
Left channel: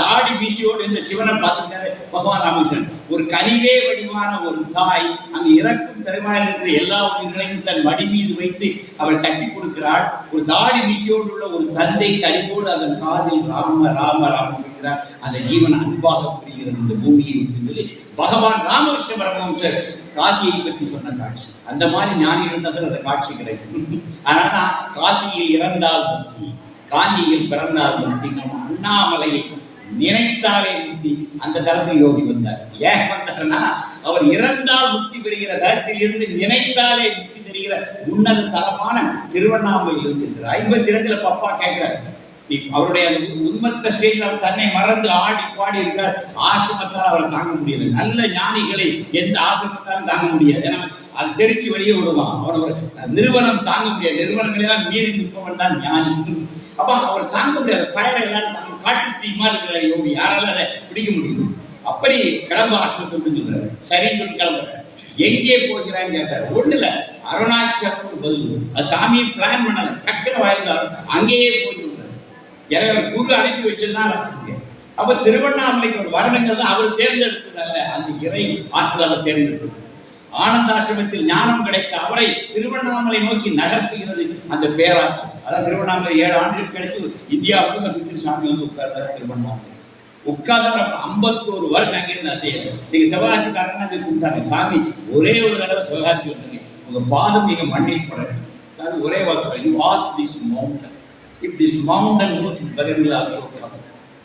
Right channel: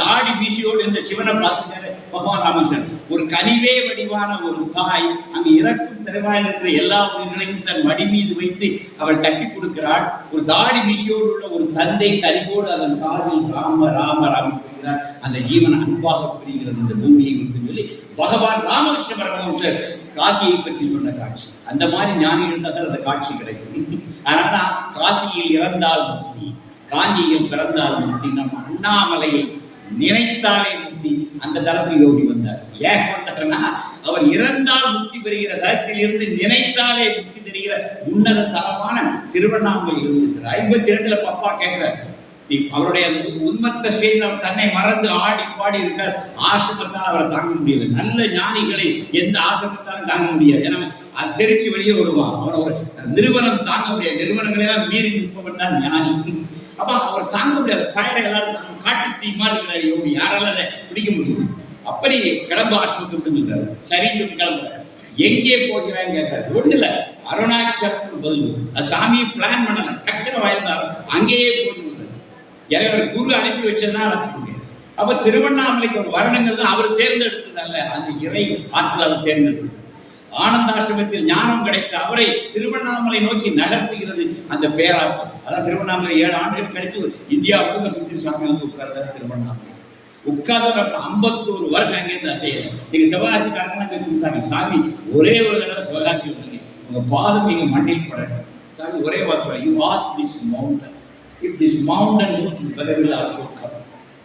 தாடி மீசியோடு இந்த சிவனை பார்த்துருக்காரு பகவான் ராமகிருஷ்ணன். ஒரு கனிவே வடிவான ஒரு தாய் அங்கு இறக்கும் திறமையில் இருக்கிற எல்லா உயிர்களையும் தன் மடி மீது வைத்து அவள் தட்டி கொடுக்கிறாள். ஒரு தாடி மீசியோடு உள்ள ஒரு தந்தை கனிவோடு அதன் காதில் ராம ராம ராம பெறுகிறார். அந்த ஜீவன் அன்பாக புரிகிறது இந்த பூமியை விட்டு சொல்லி பகவான் ராமகிருஷ்ண பரமஹம்சர் காசியை பற்றி சொன்ன காட்சி. அந்த மாதிரி ஞானிகள் இருந்தால் அந்த காட்சி கிடைக்கும். அதனால்தான் காசியில் இறந்தால் முக்தி, காஞ்சியில் பிறந்தால் முக்தி. நம்ம அண்ணாமலையை நினைத்தாலே முக்தி. அந்த தளத்தில் யோகி வந்தார். ஏன் வந்தார்னா, அவர் இறந்தால் முக்தி பெறுகிற தளத்தில் இருந்து நினைத்தாலே முக்தி தெரிகிற உன்னத தளமான திருவண்ணாமலையில் இருந்திருக்கிறார். 52 பப்பா கேட்கிறார். அவருடைய அந்த உண்மத்த ஸ்டேஜில் அவர் தன்னை மறந்து ஆடி பாடி இருக்க ஆசிரமத்தால் அவரை தாங்க முடியல. நல்ல ஞானிகளை எந்த ஆசிரமத்தாலும் தாங்க முடியாது. ஏன்னா அது தெரிச்சு வெளியே விடுவான். அவர் ஒரு நிறுவனம் தாங்க முடியாது. நிறுவனங்களெல்லாம் மீறி நிற்பவன் தான் ஞானி. அப்ப அவர் தாங்க முடியாது. ஃபயரை எல்லாரும் தாங்க காட்டு தீமா இருக்கிறார் யோகி. யாரால அதை பிடிக்க முடியும்? அப்படி கிளம்ப ஆசிரமத்தை சொல்றாரு. சரின்னு சொல்லி கிளம்புறாரு. எங்கே போகிறான்னு கேட்டார். ஒண்ணு இல்ல, அருணாச்சலம் பதில். அது சாமியை பிளான் பண்ணல, டக்குனு வாய்ந்தார் அங்கேயே போய். எனவே குரு அனுப்பி வச்சதுனால அப்ப திருவண்ணாமலைக்கு ஒரு வருடங்கள் தான் அவர் தேர்ந்தெடுத்ததல்ல, அந்த இறை ஆற்றலால் தேர்ந்தெடுத்தது. ஆனந்தாசிரமத்தில் ஞானம் கிடைத்த அவரை திருவண்ணாமலை நோக்கி நகர்த்துகிறது அந்த பேராற்றல். அதான் திருவண்ணாமலை 7 ஆண்டுகள் கழித்து இந்தியா முழுக்க சுற்றி சாமி வந்து உட்கார்ந்தார். திருவண்ணாமலை உட்கார்ந்து 51 வருஷம் அங்கேருந்து அசையல. நீங்க சிவகாசிக்காரங்க அங்கே கூப்பிட்டாங்க, சாமி ஒரே ஒரு தடவை சிவகாசி வந்தீங்க, உங்க பாதம் நீங்க மண்ணில் படட்டும். சாமி ஒரே வாக்கு, you was this mountain. If this mountain moves, Bhagavad also come.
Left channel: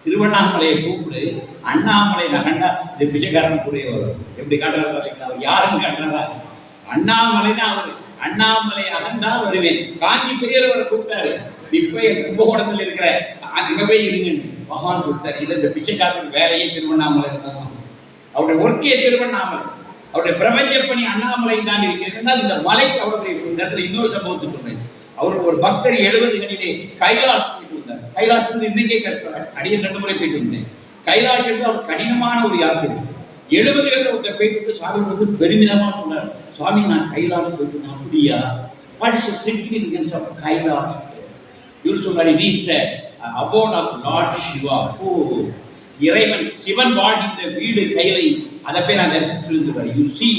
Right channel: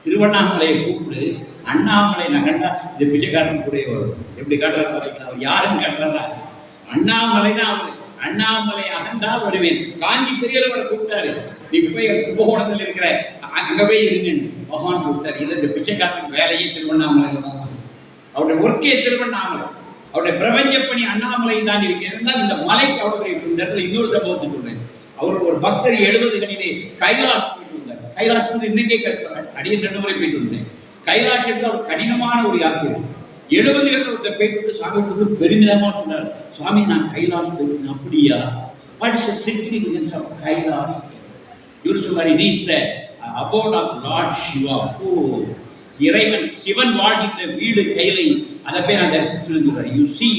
திருவண்ணாமலையை கூப்பிடு, அண்ணாமலை நகண்டா இந்த பிச்சைக்காரன் கூட வரும். எப்படி காட்டுறாரு பார்த்தீங்களா? அவர் யாருன்னு காட்டுறாரா? அண்ணாமலை தான் அவர். அண்ணாமலை அகந்தால் வருவேன். காஞ்சி பெரியவரை கூப்பிட்டாரு. இப்ப கும்பகோணத்தில் இருக்கிற அங்கவே இருங்கன்னு பகவான் கூப்பிட்டாரு. இல்லை, இந்த பிச்சைக்காரன் வேலையே திருவண்ணாமலையில் தான். அவருடைய ஒர்க்கே திருவண்ணாமலை. அவருடைய பிரபஞ்ச பணி அண்ணாமலை தான் இருக்கிறது. இந்த மலைக்கு அவ்வளவு இந்த இடத்துல இன்னொரு சம்பவத்தை சொல்றேன். அவர் ஒரு பக்தர் 70 கணிலே கைலாஷ் போயிட்டு வந்தார். கைலாஷ் வந்து இன்னைக்கே கற்கிறார். அடியே 2 முறை போயிட்டு வந்தேன். கைலாஷ் அவர் கடினமான ஒரு யாத்திரை. 70 ஒருத்தர் போயிட்டு வந்து சாமி வந்து பெருமிதமா சொன்னார், சுவாமி நான் கைலாஷ் போயிட்டு. அப்படியா? What is the significance of Kailash? இவர் சொன்னார், it is the abode of lord Shiva. Oh, இறைவன் சிவன் வாழ்கின்ற வீடு கைலை. அதை போய் நான் தரிசித்து. You see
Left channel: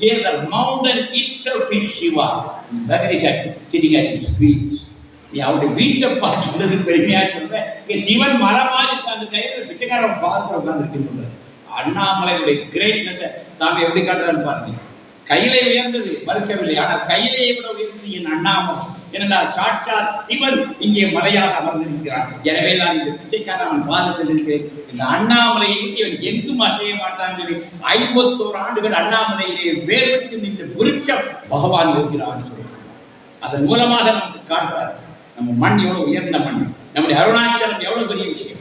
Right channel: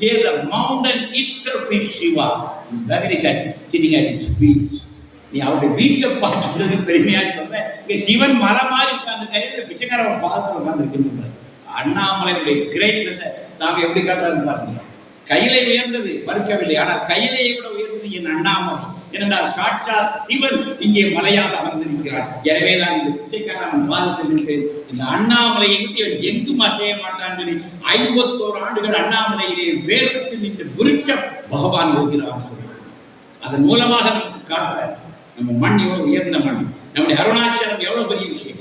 here the mountain itself is Shiva. Bhagavad Gita sitting at his feet. நீ அவருடைய வீட்டை பார்த்துட்டு பெருமையா சொல்ற. இங்க சிவன் மரமாக உட்கார்ந்து கையில பிச்சைக்காரன் பார்த்து உட்கார்ந்து. அண்ணாமலையுடைய கிரேட்னஸ் சாமி எப்படி காட்டுறாரு பாருங்க. கையிலே உயர்ந்தது மறுக்கவில்லை, ஆனால் கையிலே விட உயர்ந்தது என் அண்ணாமலை. ஏனென்றால் சாட்சாத் சிவன் இங்கே மலையாக அமர்ந்திருக்கிறார். எனவேதான் இந்த பிச்சைக்காரன் பாதத்தில் இருக்கு. இந்த அண்ணாமலையை விட்டு இவன் எங்கும் அசைய மாட்டான் சொல்லி 51 ஆண்டுகள் அண்ணாமலையிலே வேறுபட்டு நின்ற விருட்சம் பகவான் யோகிரான். அதன் மூலமாக நமக்கு காட்டுறார் நம்ம மண் எவ்வளவு உயர்ந்த மண், நம்முடைய அருணாச்சலம் எவ்வளவு பெரிய விஷயம்.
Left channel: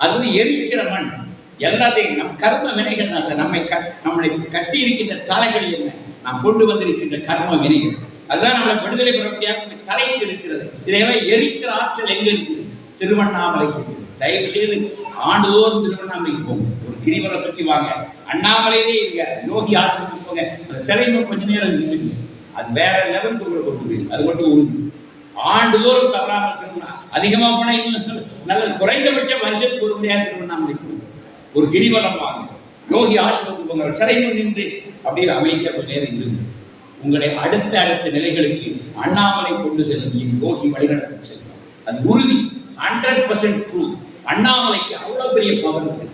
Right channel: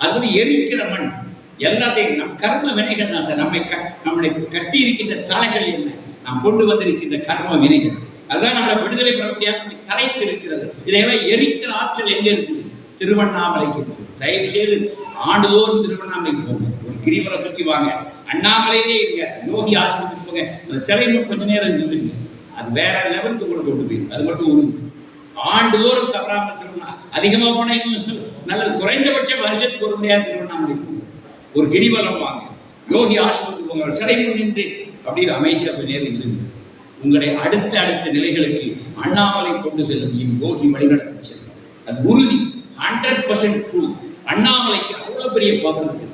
அது வந்து எரிக்கிற மண். எல்லாத்தையும் நம் கர்ம வினைகள் தான். நம்மளை கட்டி இருக்கின்ற தலைகள் என்ன, நாம் கொண்டு வந்திருக்கின்ற கர்ம வினைகள், அதுதான் நம்மளை விடுதலை பெறப்படியாக தலைத்து இருக்கிறது. இதையெல்லாம் எரிக்கிற ஆற்றல் எங்க இருக்குது? திருவண்ணாமலைக்கு இருக்குது. தயவு செய்து ஆண்டுதோறும் திருவண்ணாமலைக்கு போங்க, ஒரு கிரிவரை சுற்றி வாங்க. அண்ணாமலையிலே இருங்க, யோகி ஆசிரமத்துக்கு போங்க. அந்த சிலைமை கொஞ்ச நேரம் நின்றுங்க, அது வேற லெவலுக்கு உங்களை கொண்டு போயிருக்கு. அது மட்டும் உறுதி. ஆண்டுதோறும் தவறாமல் திருவண்ணா அதிகமாக போனால் இன்னும் நல்லது. குறைந்தபட்சம் வருஷத்துக்கு ஒரு முறையாக திருவண்ணாமலைக்கு ஒரு கிரிவலம் வாங்க, யோகி ஆசிரமத்துக்கு போங்க, சிலைமை நின்று அப்படியே அமைதியாக கொஞ்ச நேரம் இருங்க. உங்களை அடுத்த நிலைகளுக்கு அண்ணாமலை கொண்டு செல்லும் யோகி வழிநடத்தி செல்லும். அது உறுதி, 100% ட்ரூ. அண்ணாமலைக்கு அவ்வளவு பெரிய பவர் இருக்கு.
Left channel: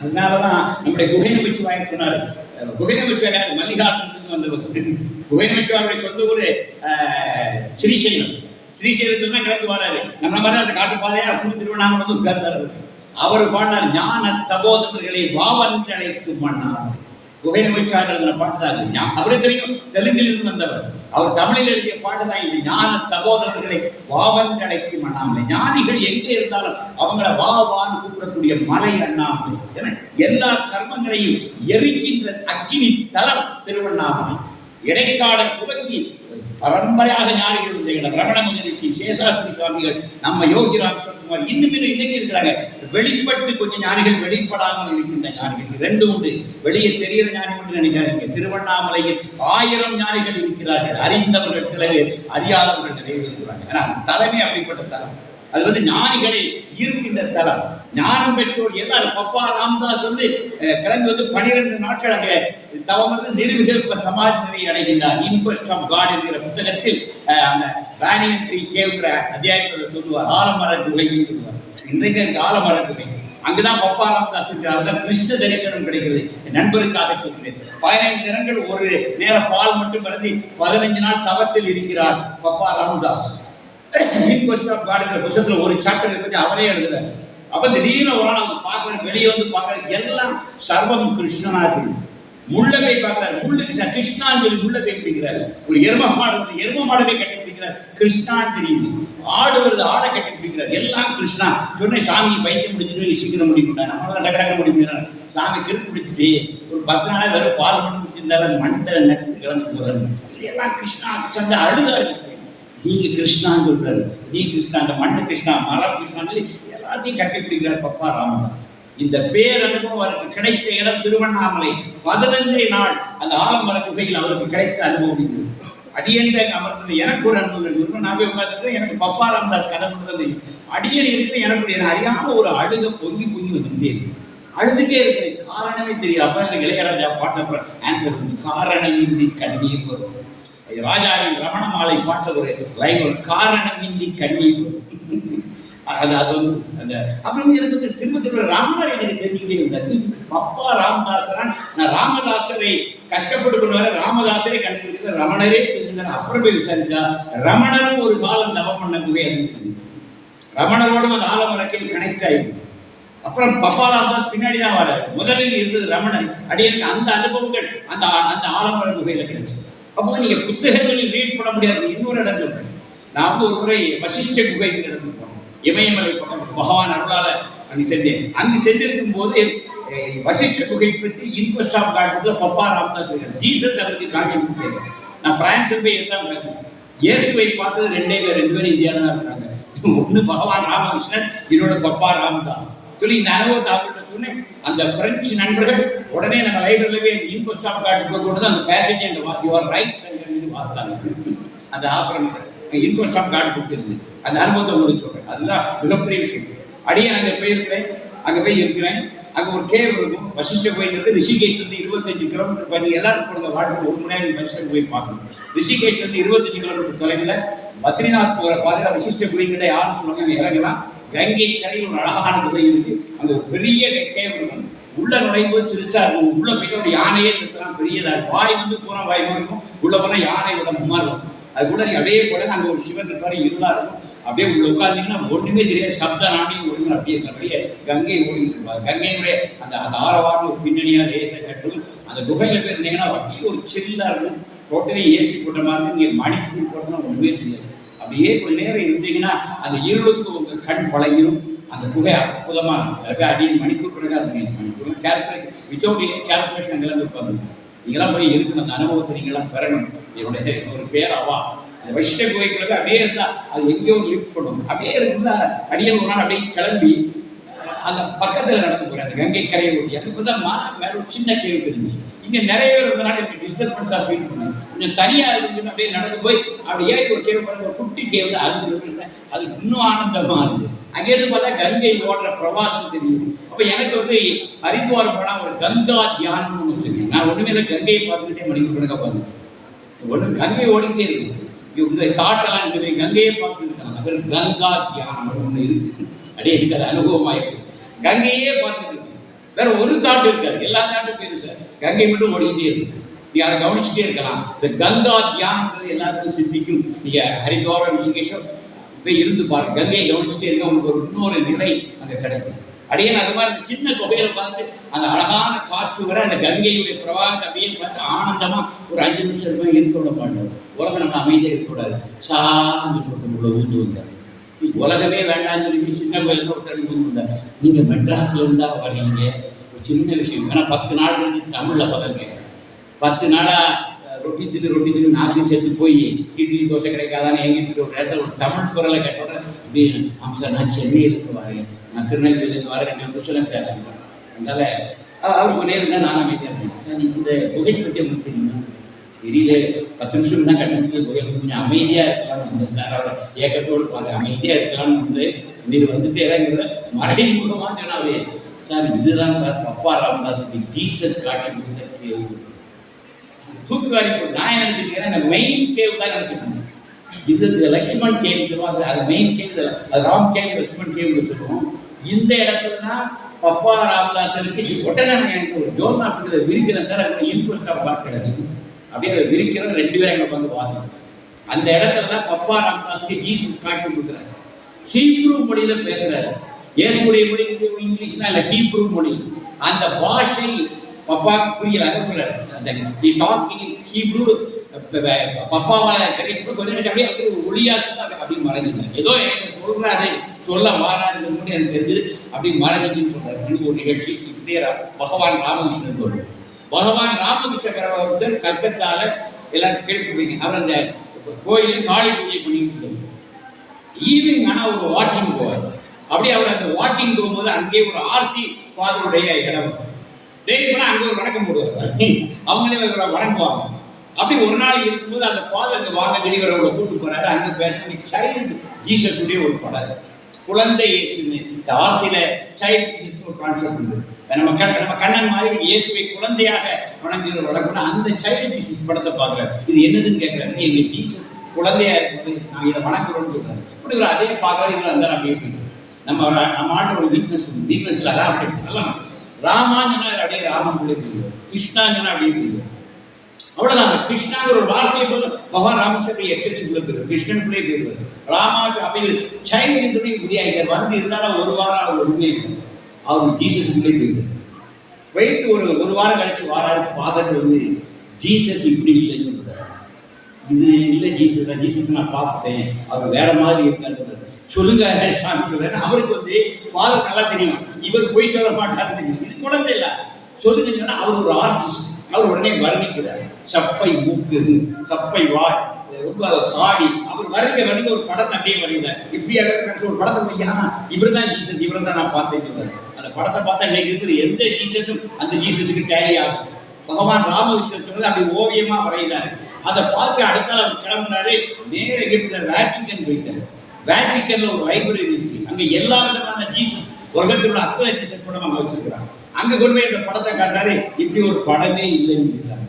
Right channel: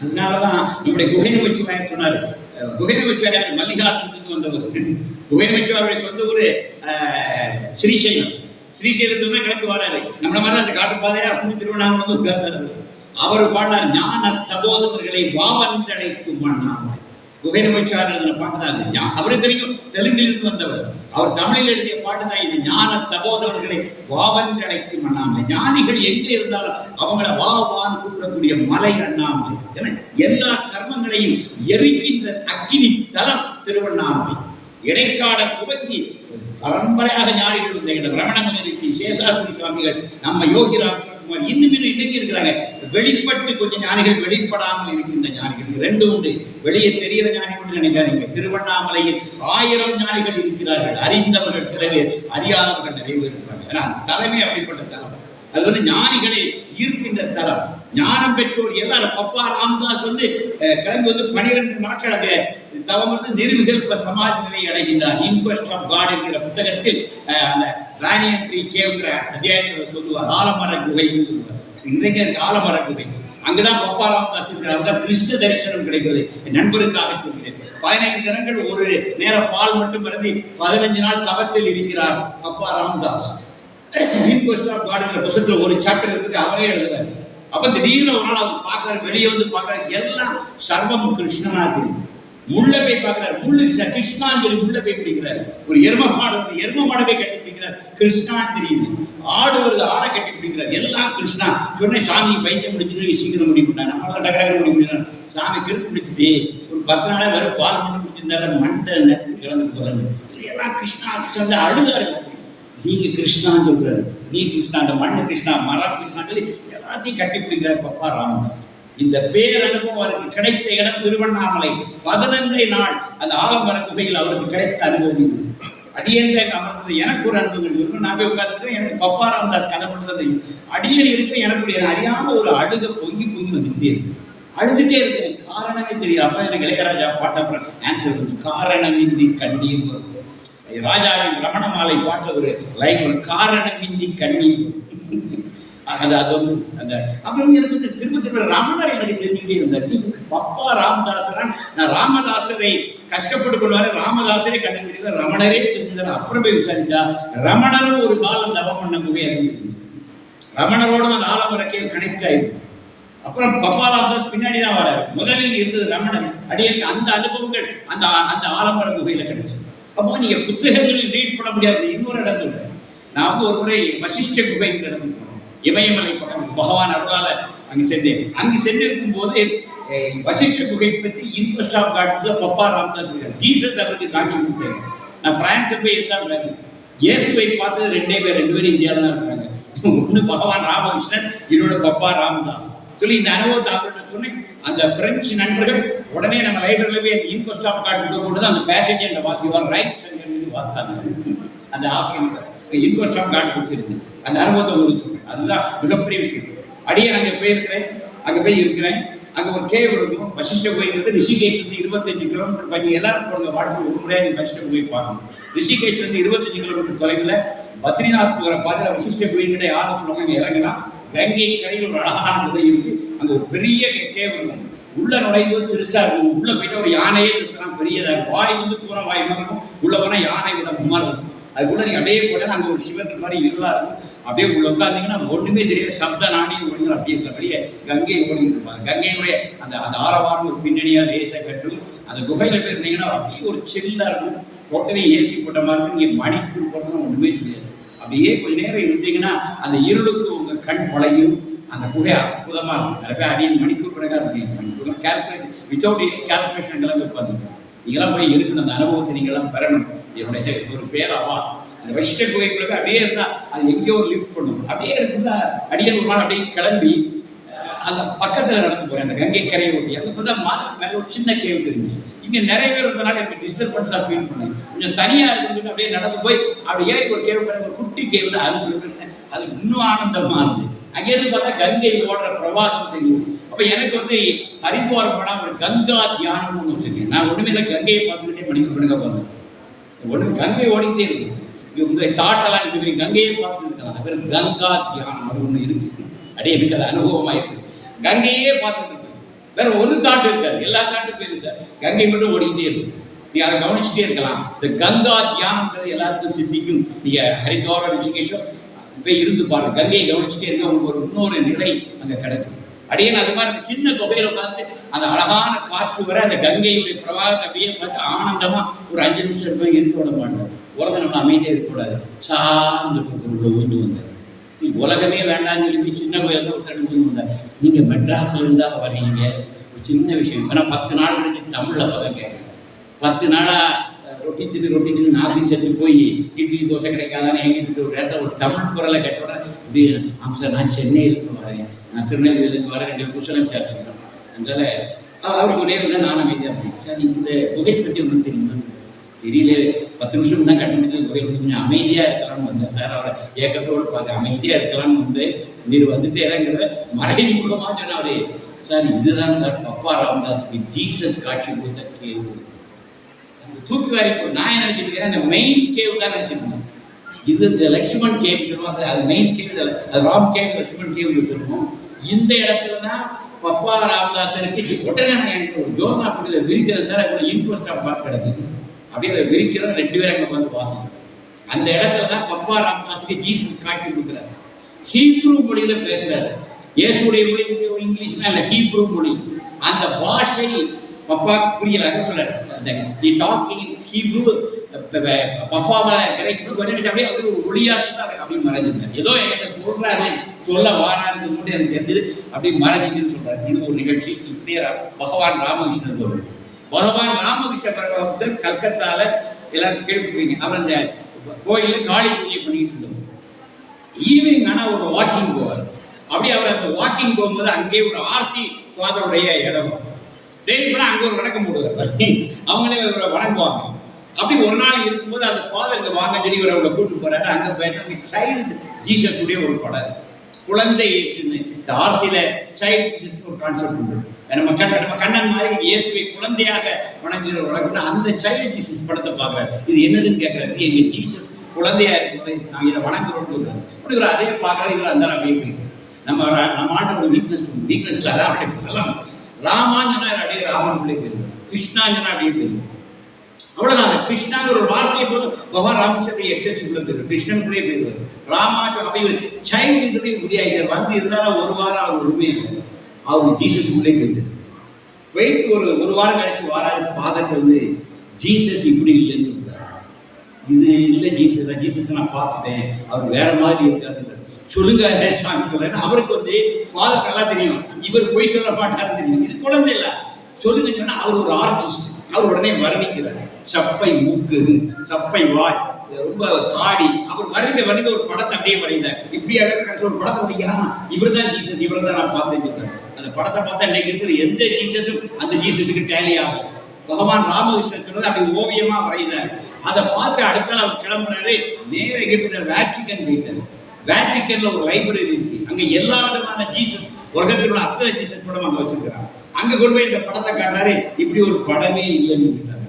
அதனாலதான் நம்முடைய குகை நமச்சிவாயர் சொன்னார். குகை நமச்சிவாயர் மல்லிகார்ஜுனுக்கு வந்தவர். குகைநமைச்சுவாருடைய சொந்த ஊர் ஸ்ரீசைலம். ஸ்ரீசைலத்தில் தான் கிளம்பி வராரு. நம்மள மாதிரி அந்த காட்டு பாதையா திருவண்ணாமலை வந்து உட்கார்ந்தாரு. அவர் பாடினார், ஞான தபோதரர்களை வாவன்றழைக்கும் மன்னார். குகைநமைச்சார் எழுதின பாட்டு தான் அது. அவருக்கு தெரியும், தெலுங்கிலிருந்து வந்தவர். அவர் தமிழில் எழுதிய பாட்டு தான் இது. ஞான தபோதரர்களை வாவன்றழைக்கும் அண்ணாமலை. ஞானிகள் எங்கே இருந்தாலும் அவங்கள வாவான்னு கூப்பிடக்கூடிய மலை அண்ணாமலை. என எல்லா கர்மங்களையும் எரிக்கின்ற அக்கினி தலம் திருவண்ணாமலை. இடைக்கால துவங்கி பரம்பரையாக ஞானிகள் இருந்த இடம். ரமண மகரிஷி, சேஷாத்ரி சுவாமிகள், நம்ம யோகிராம் இன்னும் இன்னைக்கு இருக்கிறாங்க. வெளிப்பட்டு கொஞ்சம் ஞானிகள், வெளிப்படாமல் இருக்கின்ற ஞானிகள் ரெண்டு உண்டு. வெளியே தெரிகிற ஞானிகள் நினைக்காதீங்க. திருவண்ணாமலையில் 1000 ஞானிகள் இருக்கிறார்கள். அறிந்தவர்கள் சில பேர், அறியாதவர்கள் நிறைய பேர் இருக்கிறாங்க. ஏன்னா தலைமை அப்படிப்பட்ட தலம். அது வந்து ஞானிகளை ஈர்க்கின்ற தலம். ஞானம் பெற்றோர் எல்லாரும். பப்பா ராமதாஸ் வந்து கிளம்பி வந்து 12 நாட்கள் அங்கே தவம் வந்து நிர்விகல்ப சமாஜ் நிலை அடைகின்றார். இன்கொஸ்ட் ஆஃப் காட் என்கிற புத்தகத்தில் அந்த ராணியன்ட்ரி கேவ்கிற அத்தியாயத்தில் சொல்லுவார். ஆலமர குகைன்னு சொல்லுவார். இன்றைக்கு எனக்கு ஆலமர குகை. அங்குதான் பப்பா ராமதாஸ் இருக்கிறார். அதான் கிருஷ்ண தரிசனம் கிடைக்கிறது. என் நண்பருக்காக சொல்கிறேன். 15 தினங்கள் ஒரு நேரம் பால் மட்டும் பருந்தி 15 நாள் தவத்தில் இருக்கிறார் பப்பா ராமதாஸ். இன்கொஸ்ட் ஆஃப் காட்ங்கிற புத்தகத்தில் ஒரு சாப்டர் இருக்கு, அவரே எழுதுறாரு. அப்ப திடீர்னு ஒரு நாள் அவர் பார்க்கறாரு, வெளியே வந்து பார்க்கறாரு, எல்லாம் சர்வம் கிருஷ்ணனா இருக்கு. முள்ள போய் பார்க்கிறார், முள்ளு கிருஷ்ணான்னு சொல்லி முள்ள போய் பிடிக்கிறாரு. ஒரு எரும மாடு வருது, எரும மாடவே கட்டி பிடிக்கிறார், கிருஷ்ணான்னு தெரியுது. ஆடு வருது, ஆடை கட்டி பிடிக்கிறார், எல்லாம் கிருஷ்ணா. சொன்ன சாமி பைத்தியம் முடிச்சுட்டு சீக்கிரம் முடிக்கிறார். நம்மளால டகராக முடிக்கிறார். சாமி கிருப்பு பிடிச்சிட்டு ஒரு 10 நாளா வெறும் பால் மட்டும் பிடிச்சிருந்தாரு, மண்டை நட்டு கிளம்பி போறாரு. எல்லாம் கிருஷ்ணா கிருஷ்ணா அழுதாரு. நீங்க கிருஷ்ணான்னு சொல்றாரு, நீ கிருஷ்ணா, அந்த மண்ணு கிருஷ்ணா, மரம் கிருஷ்ணான்னு சொல்லி எல்லாத்தையும் கட்டி பிடிக்கிறார் பப்பா ராமதாஸ். இந்த பேர் அனுபவம் அவருக்கு கிடைத்த இடம் திருவண்ணாமலை. 15 நாள் அந்த ஆலமர குகையில் அவருக்கு கிடைத்த அனுபவம் இது. அடியேன் அமர்ந்தது எனக்கு ஒரு அனுபவம். நான் போய் உட்கார்ந்து எனக்கு பப்பா ராமதாஸ் கதை பண்ணுறது. அடியன் இருக்கிற எனக்கு அறியாம ஒரு அழுக பொங்கி வந்துட்டே இருக்கு. அழுதுட்டே இருக்கிறேன், காரணமே தெரியும். அப்ப எனக்கு இளையராஜா பாட்ட ஆன்சர், காரணமின்றி கண்ணீர் வரும். ராஜாவின் ரமண மாலை பாட்ட ஒரு லைன், ஒரு காரணமின்றி கண்ணீர் வரும். அது வந்து அந்த அப்புறம் எனக்கு வந்து திரும்ப ரமணர் எனக்கு தெரிஞ்சுக்கிட்டே இருந்தார். பப்பா ராமதாசரான், நான் ராமதாசரை கஷ்டப்பட்டு கொண்டு வர, ராமதாசரை கண்டுபிடிக்கிற ரமணரே தெரிஞ்சுக்கிற. அப்புறம் போய் விசாரிச்சா ரமணரும் ஒரு காலம் தவம் பண்ண குகை அறிவித்தது. ரமணரோடும் அந்த ஆலமரக்கே கனெக்ட் ஆயிருக்கு. அப்புறம் பப்பா ராமதாஸ் பின்னாடி தான் வர. முதலில் இருந்தது ரமணன். அடியனுக்கு அந்த அனுபவங்கள் அந்த அந்த ஆலமர குகையில கிடைச்சு. அப்போ நீங்க புத்தகங்களில் ரீட் பண்ண முடியாது. இன்னொரு இடம் சொல்றேன். நான் வந்து ஒரு முறை வசிஷ்ட குகை இடத்துக்கு போனேன். இமயமலை பக்கம் பகவான் அருளால அங்கு சென்றேன். அங்கு சென்றிருக்கும் போது வசிஷ்ட குகை பற்றி இன்ட்ரெஸ்ட் ஆஃப் காட்டுல பப்பா ராமதாஸ் இருக்காரு. ஜீசஸ் அவருக்கு காட்சி கொடுத்தாரு. நான் பிரான்ஸ் போய் இருந்தால் பேசுறேன். இயேசுவை பார்த்தது 2 பேரும் இந்தியாவில் தான் இருக்காங்க. ஒன்று பகவான் ராமகிருஷ்ணன், இன்னொரு பப்பா ராமதாஸ் சொல்லி இந்த அனுபவத்தை ஆப்பிட்டு சொன்னேன். அந்த பிரெஞ்சு நண்பர்கள் உடனே நம்ம லைப்ரரியில போய் இன்ட்ரெஸ்ட் ஆஃப் காட்டுக்கு கொண்டு அந்த பேசேஜ் அந்த வாசிவார் ரைட் சங்கர் வாசித்தாங்க. அந்த ஆசிரமத்தை இன்ட்ரெஸ்ட் ஆஃப் காட் கொடுத்துருந்தேன். அந்த அனுபவத்தை உங்களுக்கு சொல்றேன். அதுதான் மிகப்பெரிய விஷயம். அடியே அங்கே போயிருக்கிறேன், அங்கே போய் இருக்கிறேன். அங்கே ஒரு கேவ் இருக்கும். வசிஷ்ட கோயிலுக்கு ரிஷிகேஷ்லேருந்து 25 கிலோமீட்டர் பண்ணி எல்லாரும் போடுங்க வாட்டர் ஒரு முறையாக நீங்கள் வசிஷ்ட கோயில் பார்க்கணும். ரிஷிகேஷ்லேருந்து 25 கிலோமீட்டர் தொலைவில் பத்ரிநாத் போகிற பாதையில் வசிஷ்ட கோயில்கிட்ட யாரும் சொல்லுவாங்க, அங்கே இறங்கலாம். கங்கை கரையில் ஒரு அழகான குகை இருக்கு. அங்கே ஒரு பெரிய கேவ் இருக்கும். உள்ள நுழையும்போது சிறுசா இருக்கும். உள்ள போயிட்டு ஒரு யானையே இருக்கலாம், பெரியதா இருக்கும். வாய் வந்து பூரா வாய் மாதிரி இருக்கும். உள்ள போனால் யானை விட மும்மாறு இருக்கும். அதுக்குள்ள நீ அப்படியே போட அங்கே ஒரு சிவன் இருப்பாரு, இருளா இருக்கும். அப்படியே உள்ள உட்காந்தீங்கன்னா ஒன்றுமே தெரியாது. சப்த நாணயம் ஓடிங்க அப்படியே இருந்தபடியே கங்கை ஓடிட்டு இருப்பாங்க. கங்கையினுடைய அந்த அந்த ஆரவாரம் ஒரு பின்னணியா லேசை கட்டும். அந்த குகையில போய் இருந்தீங்கன்னா அப்படியே ஒரு சில்லா இருக்கும். டோட்டலி ஏசி போட்ட மாதிரி இருக்கும். நீங்கள் மணிக்கூர் போட்டோம்னா ஒன்றுமே தெரியாது. அப்படியே கொஞ்ச நேரம் இருந்தீங்கன்னா அந்த இருளுக்கு உங்கள் கண் பழகிடும். அந்த குகை அற்புதமாக இருக்கும். நிறைய பேர் அடியில் மணிக்கூர் கணக்காக இருக்கீங்க. மணிக்கூர்லாம் கால்குலேஷன் வித்தவுட் எனி கால்குலேஷன் அங்கெல்லாம் உட்காந்து நீங்களாம் போய் இருக்கணும். அந்த அனுபவத்தை நீங்களாம் பெறணும். என்னுடைய ஒரு பேராவா அந்த வசிஷ்ட குகைக்குள்ள அப்படியே இருந்தா அது எங்கேயோ ஒரு லிஃப்ட் பண்ணும். அப்படியே இருக்குதா அடியல் ஒரு நாள் அப்படியே கிளம்பி அந்த பக்கத்தில் நடந்து போகிறேன். அந்த கங்கை கரையை ஒட்டி அதுக்கு தான் மேலே ஒரு சின்ன கேள்வி தெரிஞ்சு இங்கே நிறைய பேர் இருந்தனால எனக்கு டிஸ்டர்பன்ஸாக ஃபீல் பண்ணேன். கொஞ்சம் தனியாக இருக்குன்னு அப்படியே நடந்து போய் அப்படி ஏறி ஒரு கேள்வி பண்ண ஒரு குட்டி கேள்வி தான் அது இருந்தேன். அது இன்னும் ஆனந்தமாக இருந்தது. அங்கேருந்து பார்த்தா கங்கை ஓடுற பிரவாகம் தெரியும். அப்போ எனக்கு வந்து ஹரித்வார் போனால் ஒரு கங்கா தியானம்னு வச்சுருக்கேன். நான் ஒன்றுமே இல்லை, கங்கையை பார்த்துக்கிட்டே மணிக்கு பார்த்தேன். ஒன்று கங்கை ஓடிக்கிட்டே இருக்கு. உங்களை தாட்டெல்லாம் இருக்குது, கங்கையே பார்த்துட்டு இருக்காங்க. அது கங்கா தியானம் அது ஒன்று இருக்கு. அப்படியே எனக்கு அது அனுபவமாக இருக்கு. கங்கையே பார்த்துட்டு இருக்கு. வேற ஒரு தாட்டு இருக்காது, எல்லா தாட்டும் போயிருக்காரு. கங்கை மட்டும் ஓடிக்கிட்டே இருக்கு. நீங்க அதை கவனிச்சுட்டே இருக்கலாம். இந்த கங்கா தியானம்ன்றது எல்லாருக்கும் சித்திக்கும். நீங்க ஹரித்வாரம் ரிஷிகேஷம் போய் இருந்து பாருங்க, கங்கையை கவனிச்சுட்டே இருக்க, உங்களுக்கு ஒரு இன்னொரு நிலை அங்க கிடைக்கும். அடியேன் அது மாதிரி சின்ன தொகையில பார்த்து அந்த அழகான காற்று வர அந்த கங்கையுடைய பிரவாகத்தை அப்படியே பார்த்து ஆனந்தமா ஒரு 5 நிமிஷம் இருக்க விட மாட்டோம். உலகம் நம்ம அமைதியாக இருக்கக்கூடாது, சார்ந்து உள்ள ஊந்து வந்தார். நீ உலகமே வேண்டாம்னு சொல்லி சின்ன கோயில் ஒருத்தர் ஊந்து வந்தார். நீங்க மெட்ராஸ்ல இருந்தா வரீங்க, ஒரு சின்ன விஷயம். ஏன்னா 10 நாள் கழிச்சு தமிழ்ல பதங்க 10 நாளா ரொட்டி தின்னு நாசி செத்து போய் இட்லி தோசை கிடைக்காதான்னு எங்கிட்டு ஒரு இடத்துல ஒரு தமிழ் குரலை கேட்டோட இப்படி சார் நான் சென்னையிலிருந்து வரேன், நான் திருநெல்வேலியிலேருந்து வரேன், 2 நிமிஷம் பேசுகிறேன். அதனால அவருக்கு நேரில் தான் நான் அமைதியாக இருந்தேன். சார் இந்த புகை பற்றி ஒன்றும் தெரியுமா? தெரியல, 10 நிமிஷம் தான் கட்ட முடியல, புகை கொஞ்சம் அமைதியாக இருக்கலாம்னு வந்தேன் சார். அவரை ஏக்கத்தோடு பார்த்து அமைதியாக இருக்கலாம்னு வந்து நீர் வந்துட்டே இறங்குற மறைமுகமாக சொன்னாவே சார் இதுதான் சார் பப்பா ராமதாஸுக்கு ஜீசஸ் காட்சி கொடுத்த கேள்வி. தூக்கி வாரி போட்டு நான் என்ன நினைச்சிருக்கேன், அந்த மெயின் கேவ் தான் நினைச்சிருக்கேன். இது லக்ஷ்மண் கேவ் சொல்லுவாங்க, அது மெயின் கேவ், அது ராம் கேவ், லக்ஷ்மண் கேவ் சொல்லுவோம். இந்த இடத்துல தான் பப்பா ராமதாசருக்கு உடனே எனக்கு ஒரு ஜோனா அப்படி விரிக்கிறேன் சார். அதுக்கு இன்ட்ரெஸ்ட் ஆஃப் பார்ட் கிடைக்குது, அப்படியே அதை விரிக்கிறோம். 2 பேரும் அங்கே வந்து வாசம். அந்த இடத்துல தான் பப்பா ராமதாஸுக்கு ஜீசஸ் காட்சி கொடுக்குறாரு. ஹீப்ரூ மொழியில பேசுறாரு. இயேசுடைய மொழி இங்கிலீஷ்னா இல்லை, ஹீப்ரூ மொழி. அந்த பாஷை பப்பாவுக்கு புரியல சொல்றாரு. அந்த டாக்கிங் ஹீப்ரூ பப்பாவால கிடைக்கும் கொஞ்சம் அப்படியே ஒரு ஒளியா அப்படி மறைஞ்சிருந்தார். ஏதோ என்கிட்ட சொல்றாரு, சொல்ல வாராருன்னு மட்டும் எனக்கு தெரிஞ்சது, அப்படி மறைஞ்சின்னு சொல்றாரு. இது ஒரு நிகழ்ச்சி. இப்படியே பகவான் ராமகிருஷ்ணன் வருவார். பகவான் ராமகிருஷ்ண பரமஹம்சர் கல்கத்தால எல்லாரும் கேள்விப்படுவீங்க. அவர் அந்த கோயிலில் காளி பூஜை பண்ணிட்டு இருந்தார். ஈவினிங் ஆனால் ஒரு வாக்கிங் போவார். அப்படி அவர் அந்த வாக்கிங் போகும்போது அங்கே ஒரு ஆர்சி ஃபாதருடைய இடம் டெய்லி போனால் அங்கே ஒரு வணக்கம் போடுவார். அவங்களே வணங்குவாங்க. அப்படி ஒரு நாள் இருக்கும்போது அந்த ஃபாதருக்கு வாங்க சொல்லி இவரை கூட்டு போறாரு. அங்கே போயிட்டு சைல்டு ஜீசஸுடைய ஒரு படம், குழந்தை இயேசுன்னு இந்த ஆர்சியில சைல்டு ஜீசஸ் ஒரு கான்செப்ட் உண்டு. நம்ம கண்ணன் மாதிரி இயேசுவை குழந்தையாக வணங்குகிற வழக்குன்னா அந்த சைல்டு ஜீசஸ் படத்தை பார்க்குறாரு. இது என்னதுன்னு கேட்குறாரு. எங்க ஜீசஸ் குழந்தையா இருக்கும்போது நாங்கள் இதை வணங்குறோம்னு சொல்றாரு. அப்படி இவர் அதே பார்க்குறாரு. இவர் அந்த அப்படியே போயிட்டு நம்ம ஆட்டோட வீக்னஸ்ல அதான் அப்படியே சொல்லலாம். ராமான்னு சொன்னா அப்படியே ராமன் போயிடுவார், கிருஷ்ணான்னு சொன்னா அப்படியே போயிடுவார். அவ்வளவுதான். கிருஷ்ணாங்கிற ஒரு வார்த்தையை போது பகவான் ராமச்சந்திர எக்ஸசிபிள் போயிடுவார், கிருஷ்ணனுக்குள்ளே போயிடுவார். ராமாக்கு அப்படி சைல்டு முடியாகிறார். வந்து இருந்தாலும் ஒரு வாரம் அவர் ஒன்றுமே அவர் ஜீசஸுக்குள்ளே போயிட்டார். போயிட்டு ஒரு வாரம் கழிச்சு வாராது. ஃபாதர் வந்து ஜீசஸ் இப்படி இல்லைன்னு சொல்றாரு. இது இல்லை ஜீசஸ் தான், ஜீசஸ் நான் பார்த்துட்டேன், அவர் வேற மாதிரி இருக்காரு. சொல்லுங்க சாமி சொல்றேன். அவருக்கு வந்து ஃபாதர் நல்லா தெரியும், இவர் போய் சொல்ல மாட்டாருன்னு தெரியும். இது குழந்தை இல்லை, சொல்லுங்க சொன்னா அவர் ஒரு ஆர்டிஸ்ட். அவர் உடனே வர்ணிக்கிறார். சப்பை மூக்கு, சப்பை வாய், ரொம்ப காடி. அவர் வரைந்த ஒரு படத்தை அப்படியே வரைந்தார். இப்படியாக ஒரு படத்தை வரையா இவர் தான் ஜீசஸ், இவர் தான் நான் பார்த்தேன்னு சொல்றாரு. அந்த படத்தை பார்த்தா இன்னைக்கு இருக்கிற எந்த ஜீசஸும் அந்த ஜீசஸுக்கு டேலி ஆகும். பகவான் ராமகிருஷ்ணன் சொன்னது அப்படி ஓவியமா வரைந்தாரு. அதை பார்த்து அடுத்த நாள் அவர் கிளம்புனாரு. நேர எகிப்து வேட்டிக்கன் போயிட்டாரு. வேட்டிக்கன்ல ஒரு லைப்ரரி இருக்கு. அங்க எல்லா விதமான ஜீசஸ், உலகத்தில் அத்தனை ஜீசஸ் படம் அங்க வச்சிருக்கிறாங்க. அங்க கொண்டு போய் இந்த படத்தை காட்டுறாரு. இப்படி ஒரு படமே இல்லைன்னு சொல்லிட்டாங்க.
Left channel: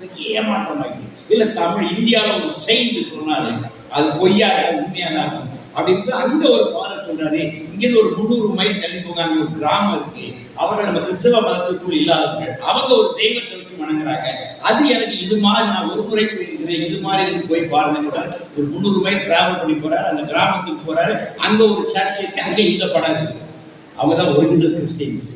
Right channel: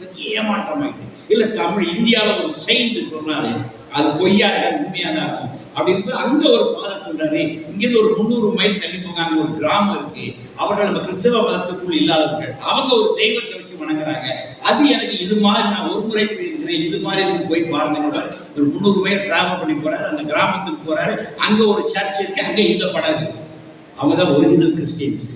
பெரிய ஏமாற்றமாயிட்டு. இல்ல தமிழ் இந்தியாவில் ஒரு செயின்ட் சொன்னாரு, அது பொய்யா உண்மையா தான் இருக்கும் அப்படின்னு அங்க ஒரு ஃபாதர் சொல்றாரு. இங்கிருந்து ஒரு 300 மைல் தள்ளி போங்க, அங்க ஒரு கிராமம் இருக்கு. அவர்கள் நம்ம கிறிஸ்தவ மதத்துக்குள் இல்லாதவர்கள், அவங்க ஒரு தெய்வத்தை வச்சு வணங்குறாங்க. அது எனக்கு இது மாதிரி நான் ஒரு முறை போயிருக்கிறேன், இது மாதிரி எனக்கு போய் பாருங்க. ஒரு 300 மைல் டிராவல் பண்ணி போறாரு. அந்த கிராமத்துக்கு போறாரு. அங்க ஒரு சர்ச் இருக்கு, அங்க இந்த படம் இருக்கு. அவங்க தான் ஒரிஜினல் கிறிஸ்டியன்ஸ்.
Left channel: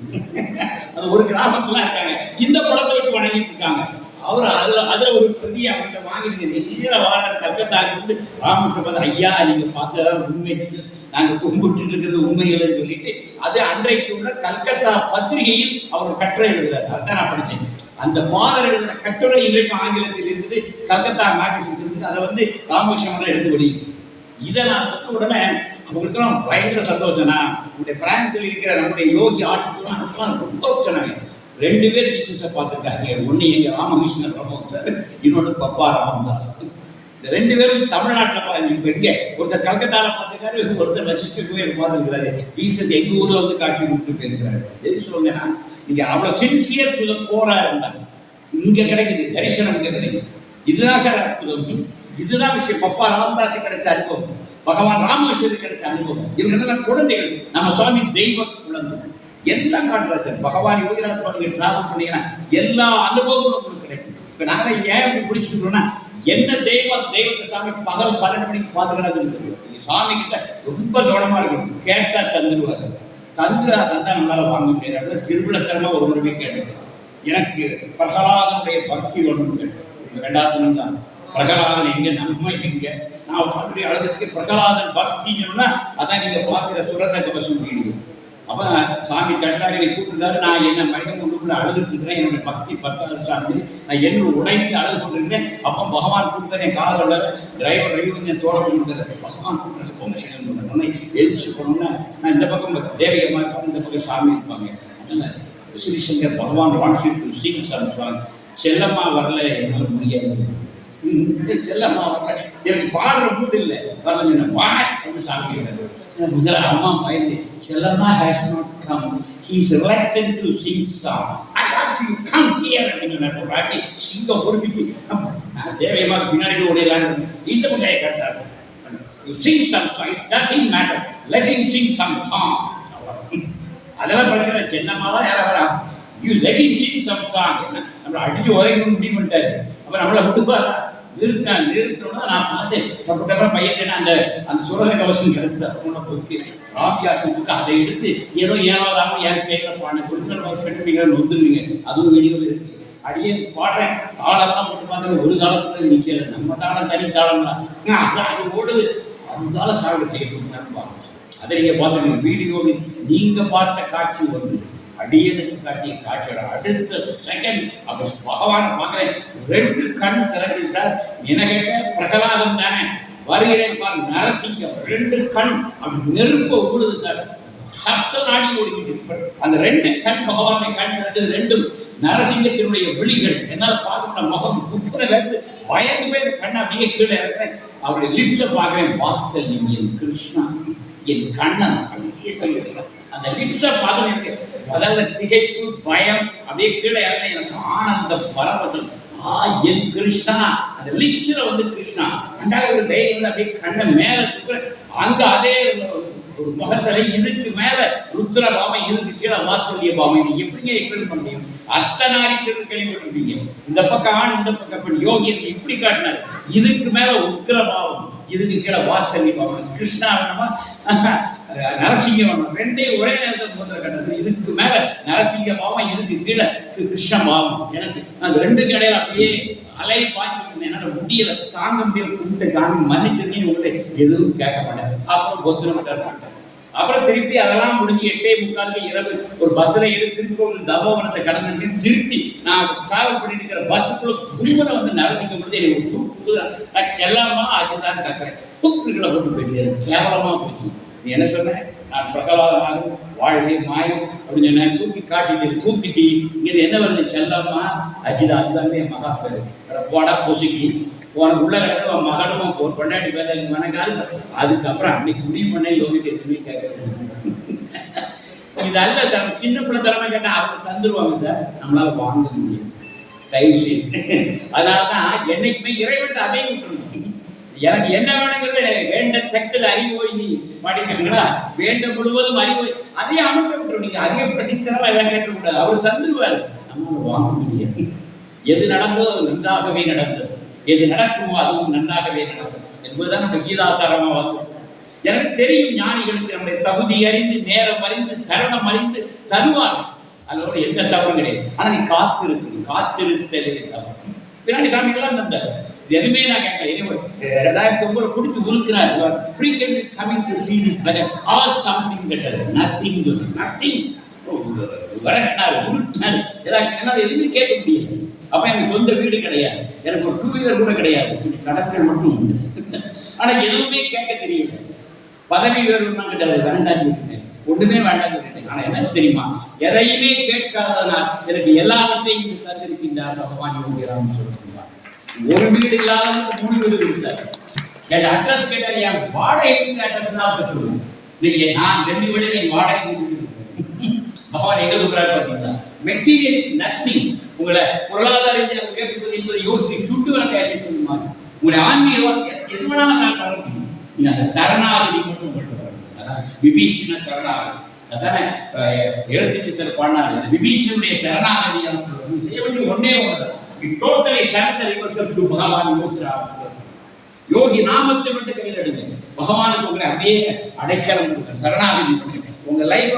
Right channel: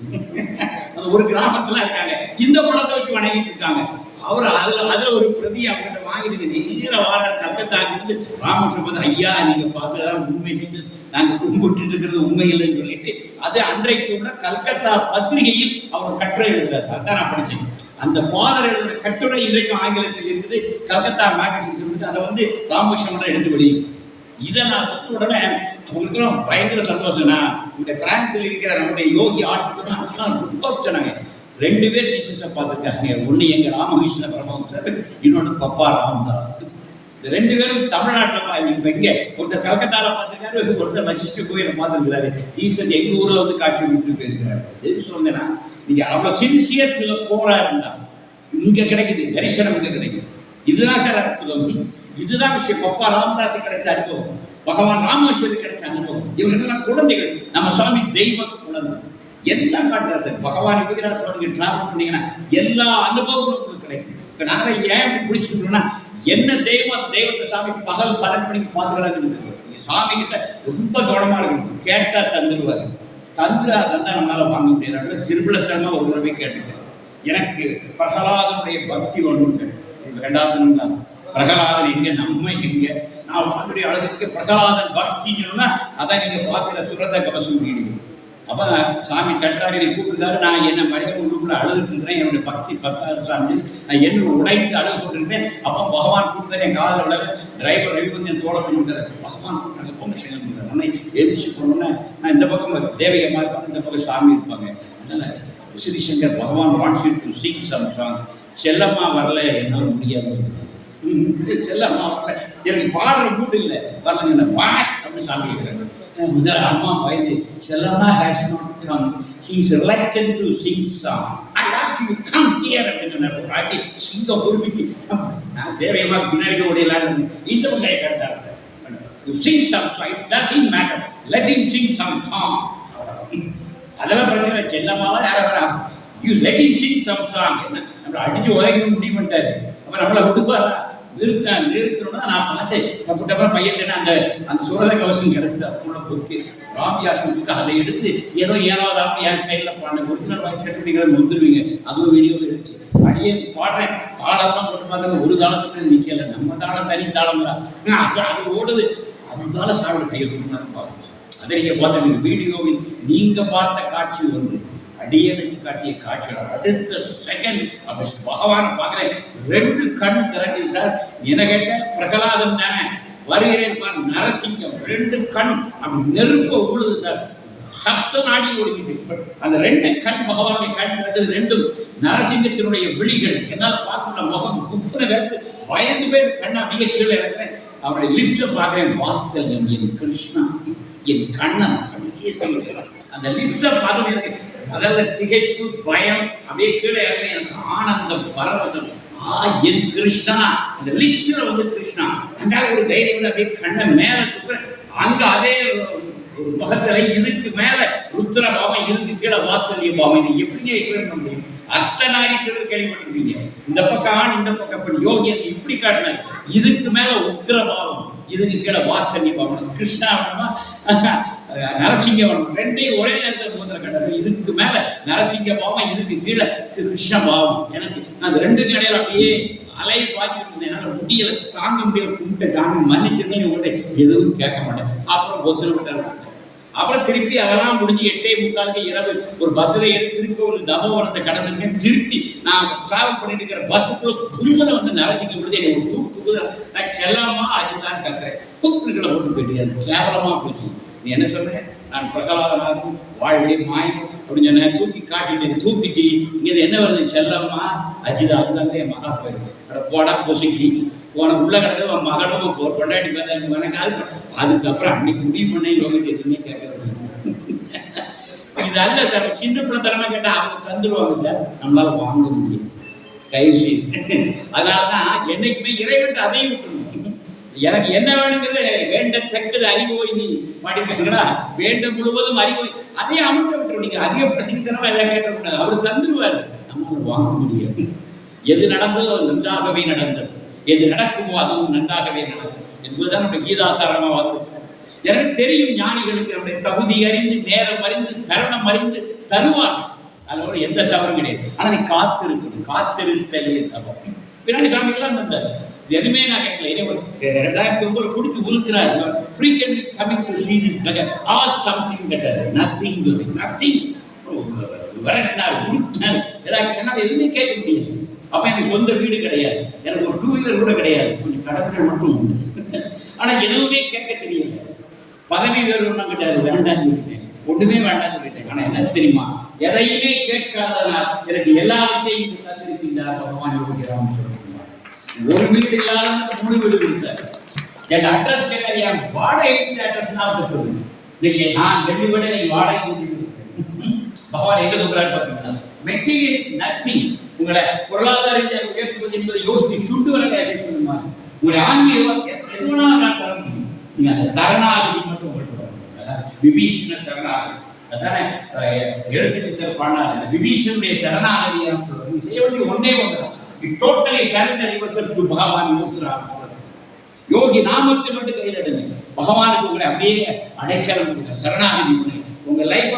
அந்த ஒரு கிராமத்துல இருக்காங்க, இந்த படத்தை வச்சு வணங்கிட்டு இருக்காங்க. அவர் அதுல ஒரு பிரதி அவங்கள்ட்ட வாங்கிட்டு நேர வாரார். கல்கத்தாக்கு வந்து ராமகிருஷ்ணன் பார்த்து, ஐயா நீங்க பார்த்ததான் உண்மை, நாங்க கும்பிட்டு இருக்கிறது உண்மை இல்லைன்னு சொல்லிட்டு அது அன்றைக்கு உள்ள கல்கத்தா பத்திரிகையில் அவர் கட்டுரை எழுதுறாரு. அதுதான் நான் படித்தேன். அந்த ஃபாதர் எழுதுற கட்டுரை இன்றைக்கும் ஆங்கிலத்தில் இருக்குது, கல்கத்தா மேகசின் இருக்கு. அதை வந்து ராமகிருஷ்ணன் எடுத்து வெளியிட்டு இதை நான் சொன்ன உடனே அவங்களுக்குலாம் பயங்கர சந்தோஷம். நான் நம்முடைய பிரான்ஸில் இருக்கிற நம்முடைய யோகி ஆட்கள் ரொம்ப சொன்னாங்க. 2 பேர் ஜீசஸை பார்த்துருக்காங்க. ஒன்று எங்கள் ராமகிருஷ்ண பரமஹம்சர், இன்னொன்று பப்பா ராமதாஸ். இந்த 2 பேரும் தமிழ்நாட்டில் இப்போ இங்கே ஒருத்தர் கல்கத்தாவில் பார்த்துருக்காரு, ஒருத்தர் வசிஷ்ட கோயிலில் பார்த்துருக்கிறாரு. ஜீசஸ் எங்கள் ஊரில் வந்து காட்சி கொடுத்துட்டு போயிருக்கிறாரு. எதுக்கு சொல்லுங்கன்னா, நீங்கள் அவ்வளோ சின்சியர் கோராக இருந்தாங்க. இங்கே கிடைக்குது தரிசனம், இங்கே கிடைக்குது. இதுதான் சார் அற்புதம். இதுதான் விஷயம். பப்பா ராமதாஸை கிடைச்ச அனுபவம், பகவான் ராமேஸ்வரி கிடைச்ச அனுபவம். இவர்களெல்லாம் குழந்தைகள். நம்ம சுவாமி தெய்வ குழந்தை எல்லாம் காட்டுறாரு. பகவான் யோகிராஜ் சுவாமி டிராவல் பண்ணீங்கன்னா எல்லா அனுபவங்களும் உங்களுக்கு கிடைக்கும். இப்போ நாங்கள் ஏன் இப்படி பிடிச்சிக்கிட்டோம்னா, என்ன தெய்வத்தை சாமி பகல் 12 மணிக்கு பார்த்துக்கலான்னு இருக்குது. சாமி கிட்ட ரொம்ப கவனமாக இருக்கணும். கேட்டால் தந்துடுவார். தந்தா நம்மளால் வாங்க முடியாது. சிறுபிள்ளத்தனமாக ஒரு முறை கேட்டுட்டேன். எனக்கு பிரகலாதனுடைய பக்தி ஒன்றும் கேட்டேன். 2வது தான் பிரகலாதன் எங்கே, நம்ம எங்கே. நான் பார்த்துட்டு அழகுக்கு பிரகலாதன் பக்தி சொன்னா அதான் நீங்கள் பார்க்குற சுரத கவசம் வீடியோ. அப்போ சாமி தட்டாரி என்னை கூப்பிட்டுருக்காரு. நான் என்ன மனிதன் உள்ளுக்குள்ள அழுதுட்டுருக்கிறேன். என்னுடைய பக்தி 10வது சாமி. நான் என்னோட உடைந்து அழுது கொண்டிருக்கிறேன். அப்போ பகவான் கூப்பிட்டார். என் காதல் உள்ள டிரைவர் ரவி வந்து என் தோழ பண்ணிட்டார். பகவான் கூப்பிட்டாரு. பொங்கல் பண்ணுறாரு. உடனே எழுச்சி போனோன்னே நான் இந்த பக்கம் தேவையமாக இருப்பாங்க, இந்த பக்கம் சாமி இருப்பாங்க. அதனால் Srishankar Bhagavan wants you to sing some song. Chellamma வரல, என்னால் முடியாது. செல்லம்மா வரல, எனக்கு பாடுற மூடு இல்லை, வரலங்க வா அப்படின்னு சாமி கேட்குறாரு. முதல்ல அம்மா பயந்து, Chellamma has not come, he is reluctant to sing song. I ask you come here அப்படின்னு ஒரு வாட்டி சிங்க பொறுப்பிக்கு நான் தேவையமாக பின்னாடி ஓடியலான்னு இருந்தேன். இந்த பங்காயை கேட்டார். You sing some song, it doesn't matter, let him sing some song. அதெல்லாம் பிரச்சனை. செல்லம்மாலாம் யாரை வரா, you let him sing some song. என்ன நம்மளை அடிச்சு உதைக்க முடிவு பண்ணிட்டாரு. அப்போ நம்மளை விட்டுப்பாரா? நிறுத்தணும்னா நான் பார்த்தேன். தப்பு பையன் அந்த சுரத கவசம் கிடைச்சது. அவங்களோட புக்கு ராபியாசம் புக்கு. அதை எடுத்து ஏதோ ஏனோதாமல் என் ஸ்டைலில் பாடினேன். ஒரிஜினல் வாய்ஸ் கட்டுவீங்க வந்துடுவீங்க. அதுவும் வீடியோவில் இருக்கு. அடியே பாடுறேன். தாளம்லாம் போட்டு பார்க்குறேன். ஒரு தாளத்துக்கு நிற்கல. நம்ம தாளம் தனி தாளம் தான். அது ஓடுது. அதுதால சாப்பிட கையை கொடுத்து பார்க்கணும். அதை நீங்கள் பார்த்து வீடியோவில் நீங்கள் பார்த்த காட்சி வந்து அடியனுக்கு காட்டிய காட்சியோட அடுத்த செகண்ட் அப்படி பகவானை பார்க்குறேன். 2 கண் திறக்குது சார். என்ன கேட்ட பிரகலாதம் தானே வருகிறேன் பாரு, நரசிங்கம் 2 கண் அப்படி நெருப்ப உழுது சார். சப்த நாடி ஓடிக்கிட்டு அந்த 2 கண் பகவானுடைய கண் திறக்குது. 2ம் நரசிங்கத்தினுடைய விழிகள். என்னால் பார்க்க முடியல. முகம் குப்புனை வேறு பயந்து போய் இந்த கண்ணை அப்படியே கீழே இறக்குறேன். அவருடைய லிப்ஸை பார்க்குறேன். வாத்சல்யம், என் கிருஷ்ணா, என் கண்ணன் அப்படியே சொல்லிடுறேன். அந்த லிப்ஸை பார்க்கணும். எனக்கு அதாவது திகைப்பு, பயம் அப்படியே கீழே இறங்க. எனக்கு ஆனந்தம், பரவசம். என் கிருஷ்ணா. அந்த லிப்ஸில் வந்து கிருஷ்ணா. அண்டாக ஒரு தைரியம் வந்து அப்படியே கண்ணை மேலே தூக்குற. அங்கே அதே ஒரு முகத்தில் இதுக்கு மேலே ருத்ர பாவம், இதுக்கு கீழே வாத்சல்ய பாவம். இதை எப்படிங்க எக்ஸ்பிளைன் பண்ண முடியும்? அர்த்தநாரீஸ்வரர் கேள்விப்பட்டிருப்பீங்க. இந்த பக்கம் ஆண், இந்த பக்கம் பெண். யோகியன் இப்படி காட்டினார். இதுக்கு மேலே உக்கிர பாவம், இதுக்கு கீழே வாத்சல்ய பாவம். கிருஷ்ணா வேணுமா நரசிங்க வேணும். 2ஐயும் ஒரே நேரத்தில் முகத்தில் கட்டது. இதுக்கு மேலே நரசிங்க பாவம், இதுக்கு கீழே கிருஷ்ண பாவம். எனக்கு நான் அந்த 2க்கு இடையில அப்படியே அலையை பார்த்துட்டு இருந்தேன். என்னால் முடியலை, தாங்க முடியல. கும்பிட்டு காமி மன்னிச்சிருந்தேன். உங்கள்கிட்ட எதுவும் கேட்க மாட்டேன். அப்புறம் பொத்துன மாட்டேன். அப்புறம் திருப்பி அதெல்லாம் முடிஞ்சு 8:45 இரவு ஒரு பஸ்ஸில் ஏறி திருக்கோவில் தபோவனத்தை கடந்துருக்கேன். திருப்பி நான் டிராவல் பண்ணிட்டு இருக்கிற பஸ்ஸுக்குள்ள கும்பலை வந்து நரசிங்க பொழுது என்னை ஒரு தூக்கு. நான் செல்லாமா அதுதான் கத்துறேன். தூக்குகளை கொண்டு போயிட்டு கேவலமாக போச்சு. நீ என்ன சொன்ன? நான் பிரகலாதனாகும் வாழ்வே மாயம் அப்படின்னு சொன்னேன். தூக்கி காட்டிட்டு தூக்கிட்டு இங்கே என்ன வருது? செல்லம்மா அஜிதா. அதுதான் என் மகா பேர். போடா பொசுக்கி உனக்கு உள்ள கிடக்க மகனும் ஒரு கொண்டாடி பேர் மனக்கால். அதுக்கப்புறம் அன்னைக்கு முடிவு பண்ண யோகிட்டு எதுவுமே கேட்கறது. இது அல்ல சார். சின்ன பிள்ளை தரமா கேட்டால் அவங்க தந்துடுவாங்க சார். நம்மளால வாங்க முடியும். தயவு செய்து. அதனால தான் என்னைக்குமே இறைவன் அதையும் விட்டுருணும். எனக்கு என்ன வேணுங்கிறத வேண்டத்தக்கது அறிவோய் நீ மாட்டிக்கிட்டீங்களா? வேண்டும் முழுவதும் அறிவோய் அதையும் அமர்த்த விட்டுரும். நீங்க அதிக பிரசித்தனமா எல்லாம் கேட்டக்கூடாது. அவர் தந்துடுவார். நம்மளால வாங்க முடியாது. எது நடந்ததோ அது நன்றாகவே நடந்தது. எது நடக்குமோ அதுவும் நன்றாகவே நடக்கும் என்பதுதான் நம்ம கீதாசாரமா வாசம். எனக்கு தெரியும் ஞானிகளுக்கு நம்முடைய தகுதி அறிந்து, நேரம் அறிந்து, தருணம் அறிந்து தருவாங்க. அதோட எந்த தவறும் கிடையாது. ஆனா நீ காத்திருக்கணும். காத்திருத்தலே தவறு. பின்னாடி சாமிகள்லாம் தந்தார். எதுவுமே நான் கேட்கல. 2009 பிடிச்சி உருக்கிறார். frequently coming to see this better or something better, nothing doing, nothing. வரட்டினார், உருட்டினார். என்னால் எதுவுமே கேட்க முடியாது. அப்போ எனக்கு சொந்த வீடு கிடையாது. எனக்கு ஒரு 2 வீலர் கூட கிடையாது. கொஞ்சம் கடற்கரை மட்டும் உண்டு. ஆனால் எதுவுமே கேட்க தெரியல. பதவி வேறும் கிடையாது. வேண்டாம் சொல்லிட்டேன். ஒன்றுமே வேண்டாம் சொல்லிட்டேன். ஆனால் என்ன தெரியுமா? எதையுமே கேட்காதனால் எனக்கு எல்லாத்தையும் தந்திருக்கின்றார் பகவான் யோகிராம் சொல்லுவார். ஒரு வீடு இல்லாத 3 வீடு கொடுத்தார். என் அட்ரஸ் கேட்டார். என் வாடகை அட்ரஸ் தான் சொல்லுவேன். இன்னைக்கு நான் 2 வீடு நீங்கள் வாடகை கூட்டிட்டு பகவான் எங்கே இருக்கிறார் பார்த்தீங்கன்னா, மெட்டீரியல் இஸ் நத்திங். உங்களை பொருளாதார உயர்த்துவது என்பதை யோசித்து சுண்டு வர பண்ணுமா? உங்களுடைய ஆன்மீகம் எது வேணாலும் நான் தர முடியும். நீங்கள் அந்த சரணாகதி மட்டும் உங்கள்கிட்ட வரணும். விபீஷண சரணாகதி. அதானே எழுத்து சித்தர் பாடினார். அந்த விபீஷனுடைய சரணாகதியாக செய்ய வேண்டிய ஒன்றே ஒன்று தான். You totally surrender yourself to Bhagavan Yogiram. யோகி நாமத்தை மட்டும் கையில் எடுங்க. பகவானுக்கு உங்களை அப்படியே அடைக்கலம் கொடுங்க, சரணாகதி பண்ணுங்க. உங்க லைஃப்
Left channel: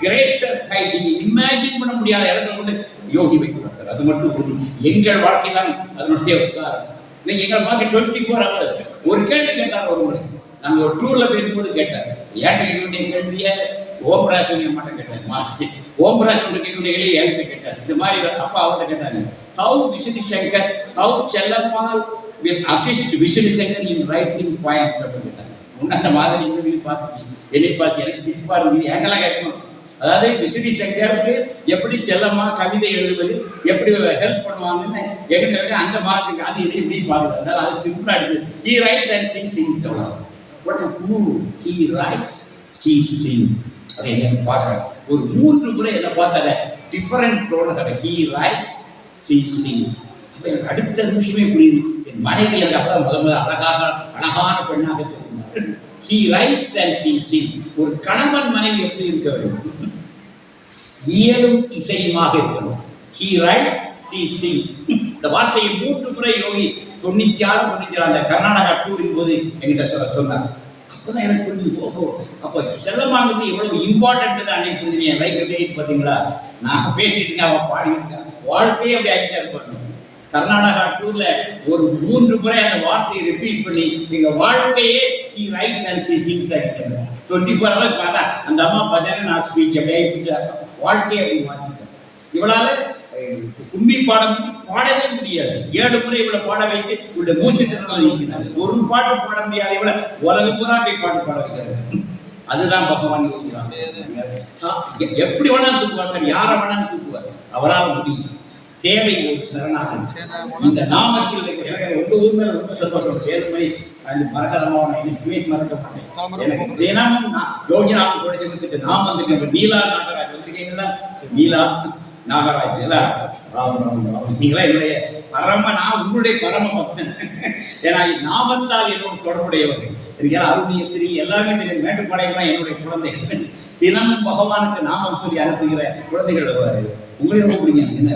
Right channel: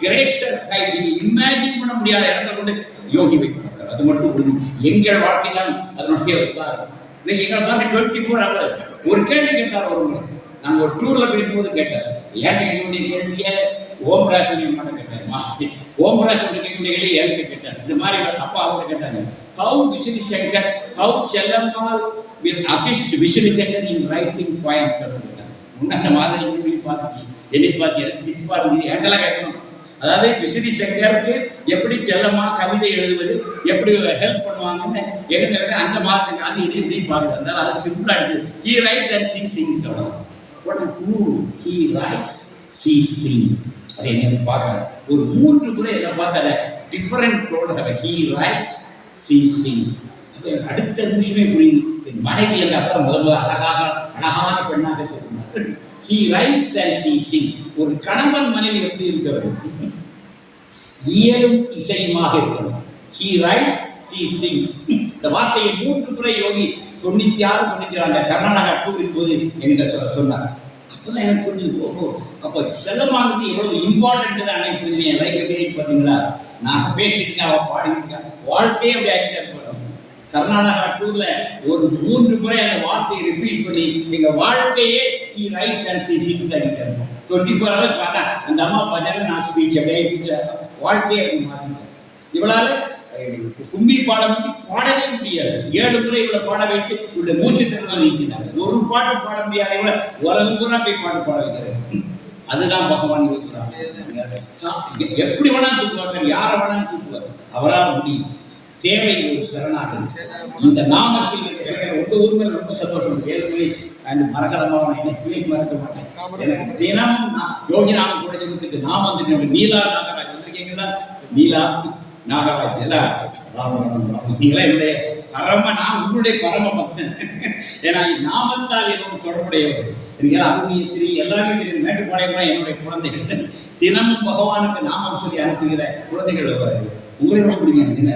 கிரேட்டர் ஹைட், நீங்க இமேஜின் பண்ண முடியாத இடத்துல கொண்டு யோகி வைக்கிறார். அது மட்டும் உறுதி. எங்கள் வாழ்க்கையெல்லாம் அதனுடைய உதாரணம். இன்னைக்கு எங்களை பார்க்க 24 hours ஒரு கேள்வி கேட்டார். ஒரு முறை நாங்கள் ஒரு டூர்ல போயிருக்கும்போது கேட்டார். ஏன்ட்ட கேட்கக்கூடிய கேள்வியை ஓம்பராசன் அம்மாட்ட கேட்டார். ஓம்பராசன் கேட்கக்கூடிய கேள்வி என்கிட்ட கேட்டார். இந்த மாதிரி அப்பா அவர்கிட்ட கேட்டாங்க, how Vishnu Shankar, how Chellammal will assist Vishnu Shankar in writing poems அப்படின்னு கேட்டாங்க. முன்ன மாதிரி பார்த்து என்னை பார்த்து எனக்கு சிரிப்பா இருந்தது. ஏங்கெல்லாம் கேட்கணும். அதாவது விஷ்ணு சங்கருக்கு எப்படி செல்லமா கவிதை எழுதுவது, எப்படி ஹெல்ப் பண்ணுவாங்கன்னு எங்கிட்ட அந்த மாதிரி அது இதை இப்படி பார்க்குது. அதனால அது சிம்பிளா எடுத்து he writes and she sings. What is who he writes, she sings. அதை என்ன பார்க்குறேன். ஒரு 3 முறை என்ன பார்த்தாங்க different role. he writes, she sings. அப்போ எனக்கு அடுத்த நிமிஷமே புரியுது. என் மனைவி அந்த அப்புறம் முதல்ல அழகான பெண்ணாக தெரியும். he writes and she sings. ஒரு கணவன் மனைவி எப்படி இருக்க வேண்டும்? இயலும் இசையுமாக இருக்கணும். he writes, she sings. இந்த வார்த்தையை 3 முறை யோகி 96 96 அந்த கர்நாடகா டூரின் போது என்கிட்ட சொன்னார். அப்போதான் எனக்கு புரிஞ்சு, ஓஹோ அப்போ செல்லமானது எவ்வளவு இம்பார்ட்டன்ட் அன்னைக்கு புரிஞ்சு. என் லைஃப் எப்படி பார்த்தீங்களா, நான் பேசிட்டு இருக்கேன், அவன் பாடிட்டு வாழ்க்கையே அப்படி ஆகிட்டே இருப்பாங்க. கர்நாடகா டூர்ல ஒரு 3 முறை அந்த வார்த்தையை ரிப்பீட் பண்ணி எங்க வாழ்க்கையே he writes and she sings ஆகிட்டாங்க. 24 hours பார்த்தா அந்த அம்மா பஜனை நான் ஸ்பீச் அப்படியே வாழ்க்கையை அப்படி மாற்றிட்டேன். இவளால கும்மி பாடம் பாடவே முடியாது. 7 முறை இவளை பாட வைத்து இவளுடைய மூச்சு திறனை நீக்கினாங்க. ஒரு பாட்டு பாட முடியாது. இவளை உலகம் பூரா போய் பாட்டு பாட வைக்கிறாரு. அதுதான் பகவான் யோகிராம். எப்படி வேணாலும் தூக்குவார், யாரை வேணாலும் தூக்குவார், அவரால் முடியும். தேவை ஒரு சரணாகதி. இந்த நாமத்தில் எனக்கு உங்க ஊர் மேல ரொம்ப சந்தோஷம். 7 மணி அந்த மறக்கலாமா, நான் என்னைக்குமே மறக்க மாட்டேன். எனக்கு தினமும் யோகி நாமம் கூட ஜெபத்துக்கு நான் வந்துட்டு நீலா நாகராஜ் வந்திருக்கீங்களா? நீலா நாகராஜ் எல்லாம் நீங்களா என்னுடைய நான் உங்களுடைய பரம பக்தன். ஏன்னா நாமத்தால் என்னோட தொடர்புடையவர்கள். எனக்கு அருணியஸ்ரீ எல்லாமே தெரியும். மேட்டுப்பாளையம் என்னுடைய குழந்தைகள். தினமும் பகவானுக்கு நாமம் சொல்லி அனுப்புகிற குழந்தைகள் உங்களே ரொம்ப பிடிக்கும். என்ன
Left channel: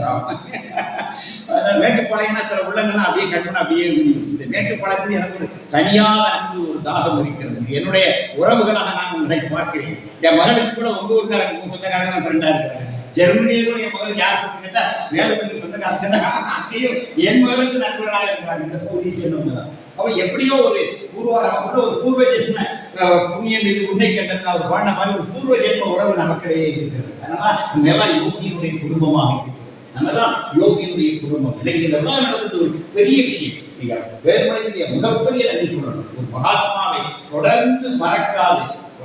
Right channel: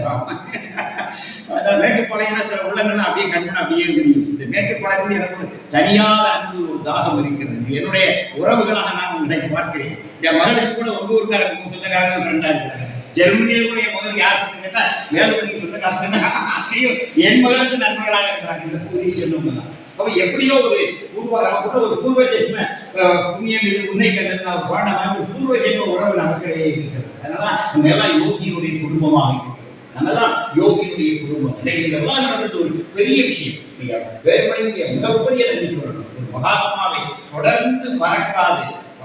மேட்டுப்பாளையம்னா சில உள்ளங்கள்லாம் அப்படியே கண்மணம் அப்படியே விரியும். இந்த மேட்டுப்பாளையத்தில் எனக்கு ஒரு தனியாத அன்பு, ஒரு தாகம் இருக்கிறது. என்னுடைய உறவுகளாக நான் உங்களை பார்க்கிறேன். என் மகளுக்கு கூட உங்க ஊருக்காரங்க சொந்தக்காரங்க ஃப்ரெண்டாக இருக்கிறாங்க. ஜெர்மனியை கூட என் மகள் யார் கேட்டால் மேலுக்கு சொந்தக்காரங்க அங்கேயும் என் மகளுக்கு நண்பர்களாக இருக்கிறாங்க. இந்த பகுதியை சொன்னவங்க தான். அப்போ எப்படியோ ஒரு நமக்கு ஒரு பூர்வ ஜென்ம புண்ணியம் இது உன்னை கண்டது ஒரு பாண்ட மாதிரி ஒரு பூர்வ ஜென்ம உறவு நமக்கிடையே இருக்கிறது. அதனால நம்ம எல்லாம் யோகியினுடைய குடும்பமாக இருக்கிறோம். நம்ம எல்லாம் யோகியினுடைய குடும்பம். இன்னைக்கு இதெல்லாம் நடந்தது ஒரு பெரிய விஷயம். நீங்க வேறுபடைய மிகப்பெரிய நன்றி சொல்லணும். ஒரு மகாத்மாவை தொடர்ந்து மறக்காது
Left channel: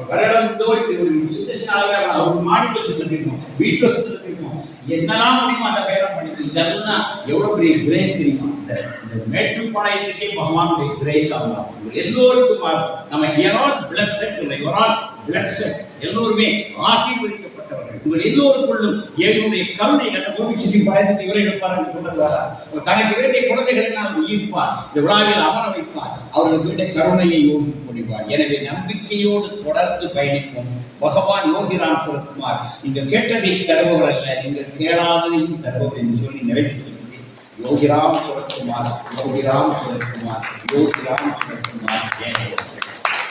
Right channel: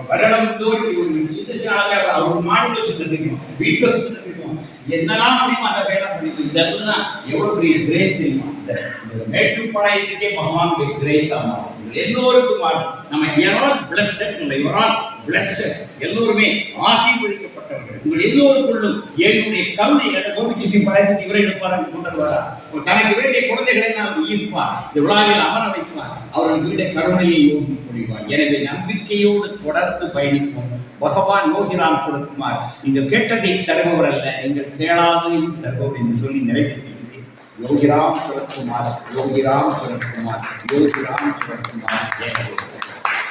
வருடம் தோல்வி ஒரு சித்தனாவே அவர் மாடியில் வச்சுட்டு இருக்கணும், வீட்டில் வச்சுட்டு இருக்கணும், என்னெல்லாம் முடியுமோ அந்த வேலை பண்ணிட்டு இதெல்லாம் எவ்வளவு பெரிய கிரேஸ் தெரியுமா? இந்த மேட்டுப்பாளையத்துக்கே பகவானுடைய கிரேஸ் ஆகும். எல்லோருக்கும் நம்ம எவரால் பிளஸ்ட் இல்லை, எவரால் பிளஸ்ட் எல்லோருமே ஆசீர்வதிக்கப்பட்டவர்கள். உங்கள் எல்லோருக்குள்ளும் ஏழுடைய கருணை அந்த கோபிச்செட்டி பாளையத்தை இவரை எடுப்பார் கொண்டு வருவாரா? தனக்கு வேண்டிய குழந்தைகளை நாம் ஈர்ப்பார், இந்த விழாவில் அமர வைப்பார், அவர்கள் வீட்டை கருணையை யோகி புரிவார். எனவே நம்பிக்கையோடு தொடர்ந்து பயணிப்போம். பகவான் யோகிராம் சுரத்குமார் நீங்கள் கேட்டதை தருபவர் அல்ல, நீங்கள் கேளாததையும் தருபவர் என்று சொல்லி நிறைவேற்றி योगीराम सुरत कुमार, योगीराम सुरत कुमार, योगीराम सुरत कुमार। जय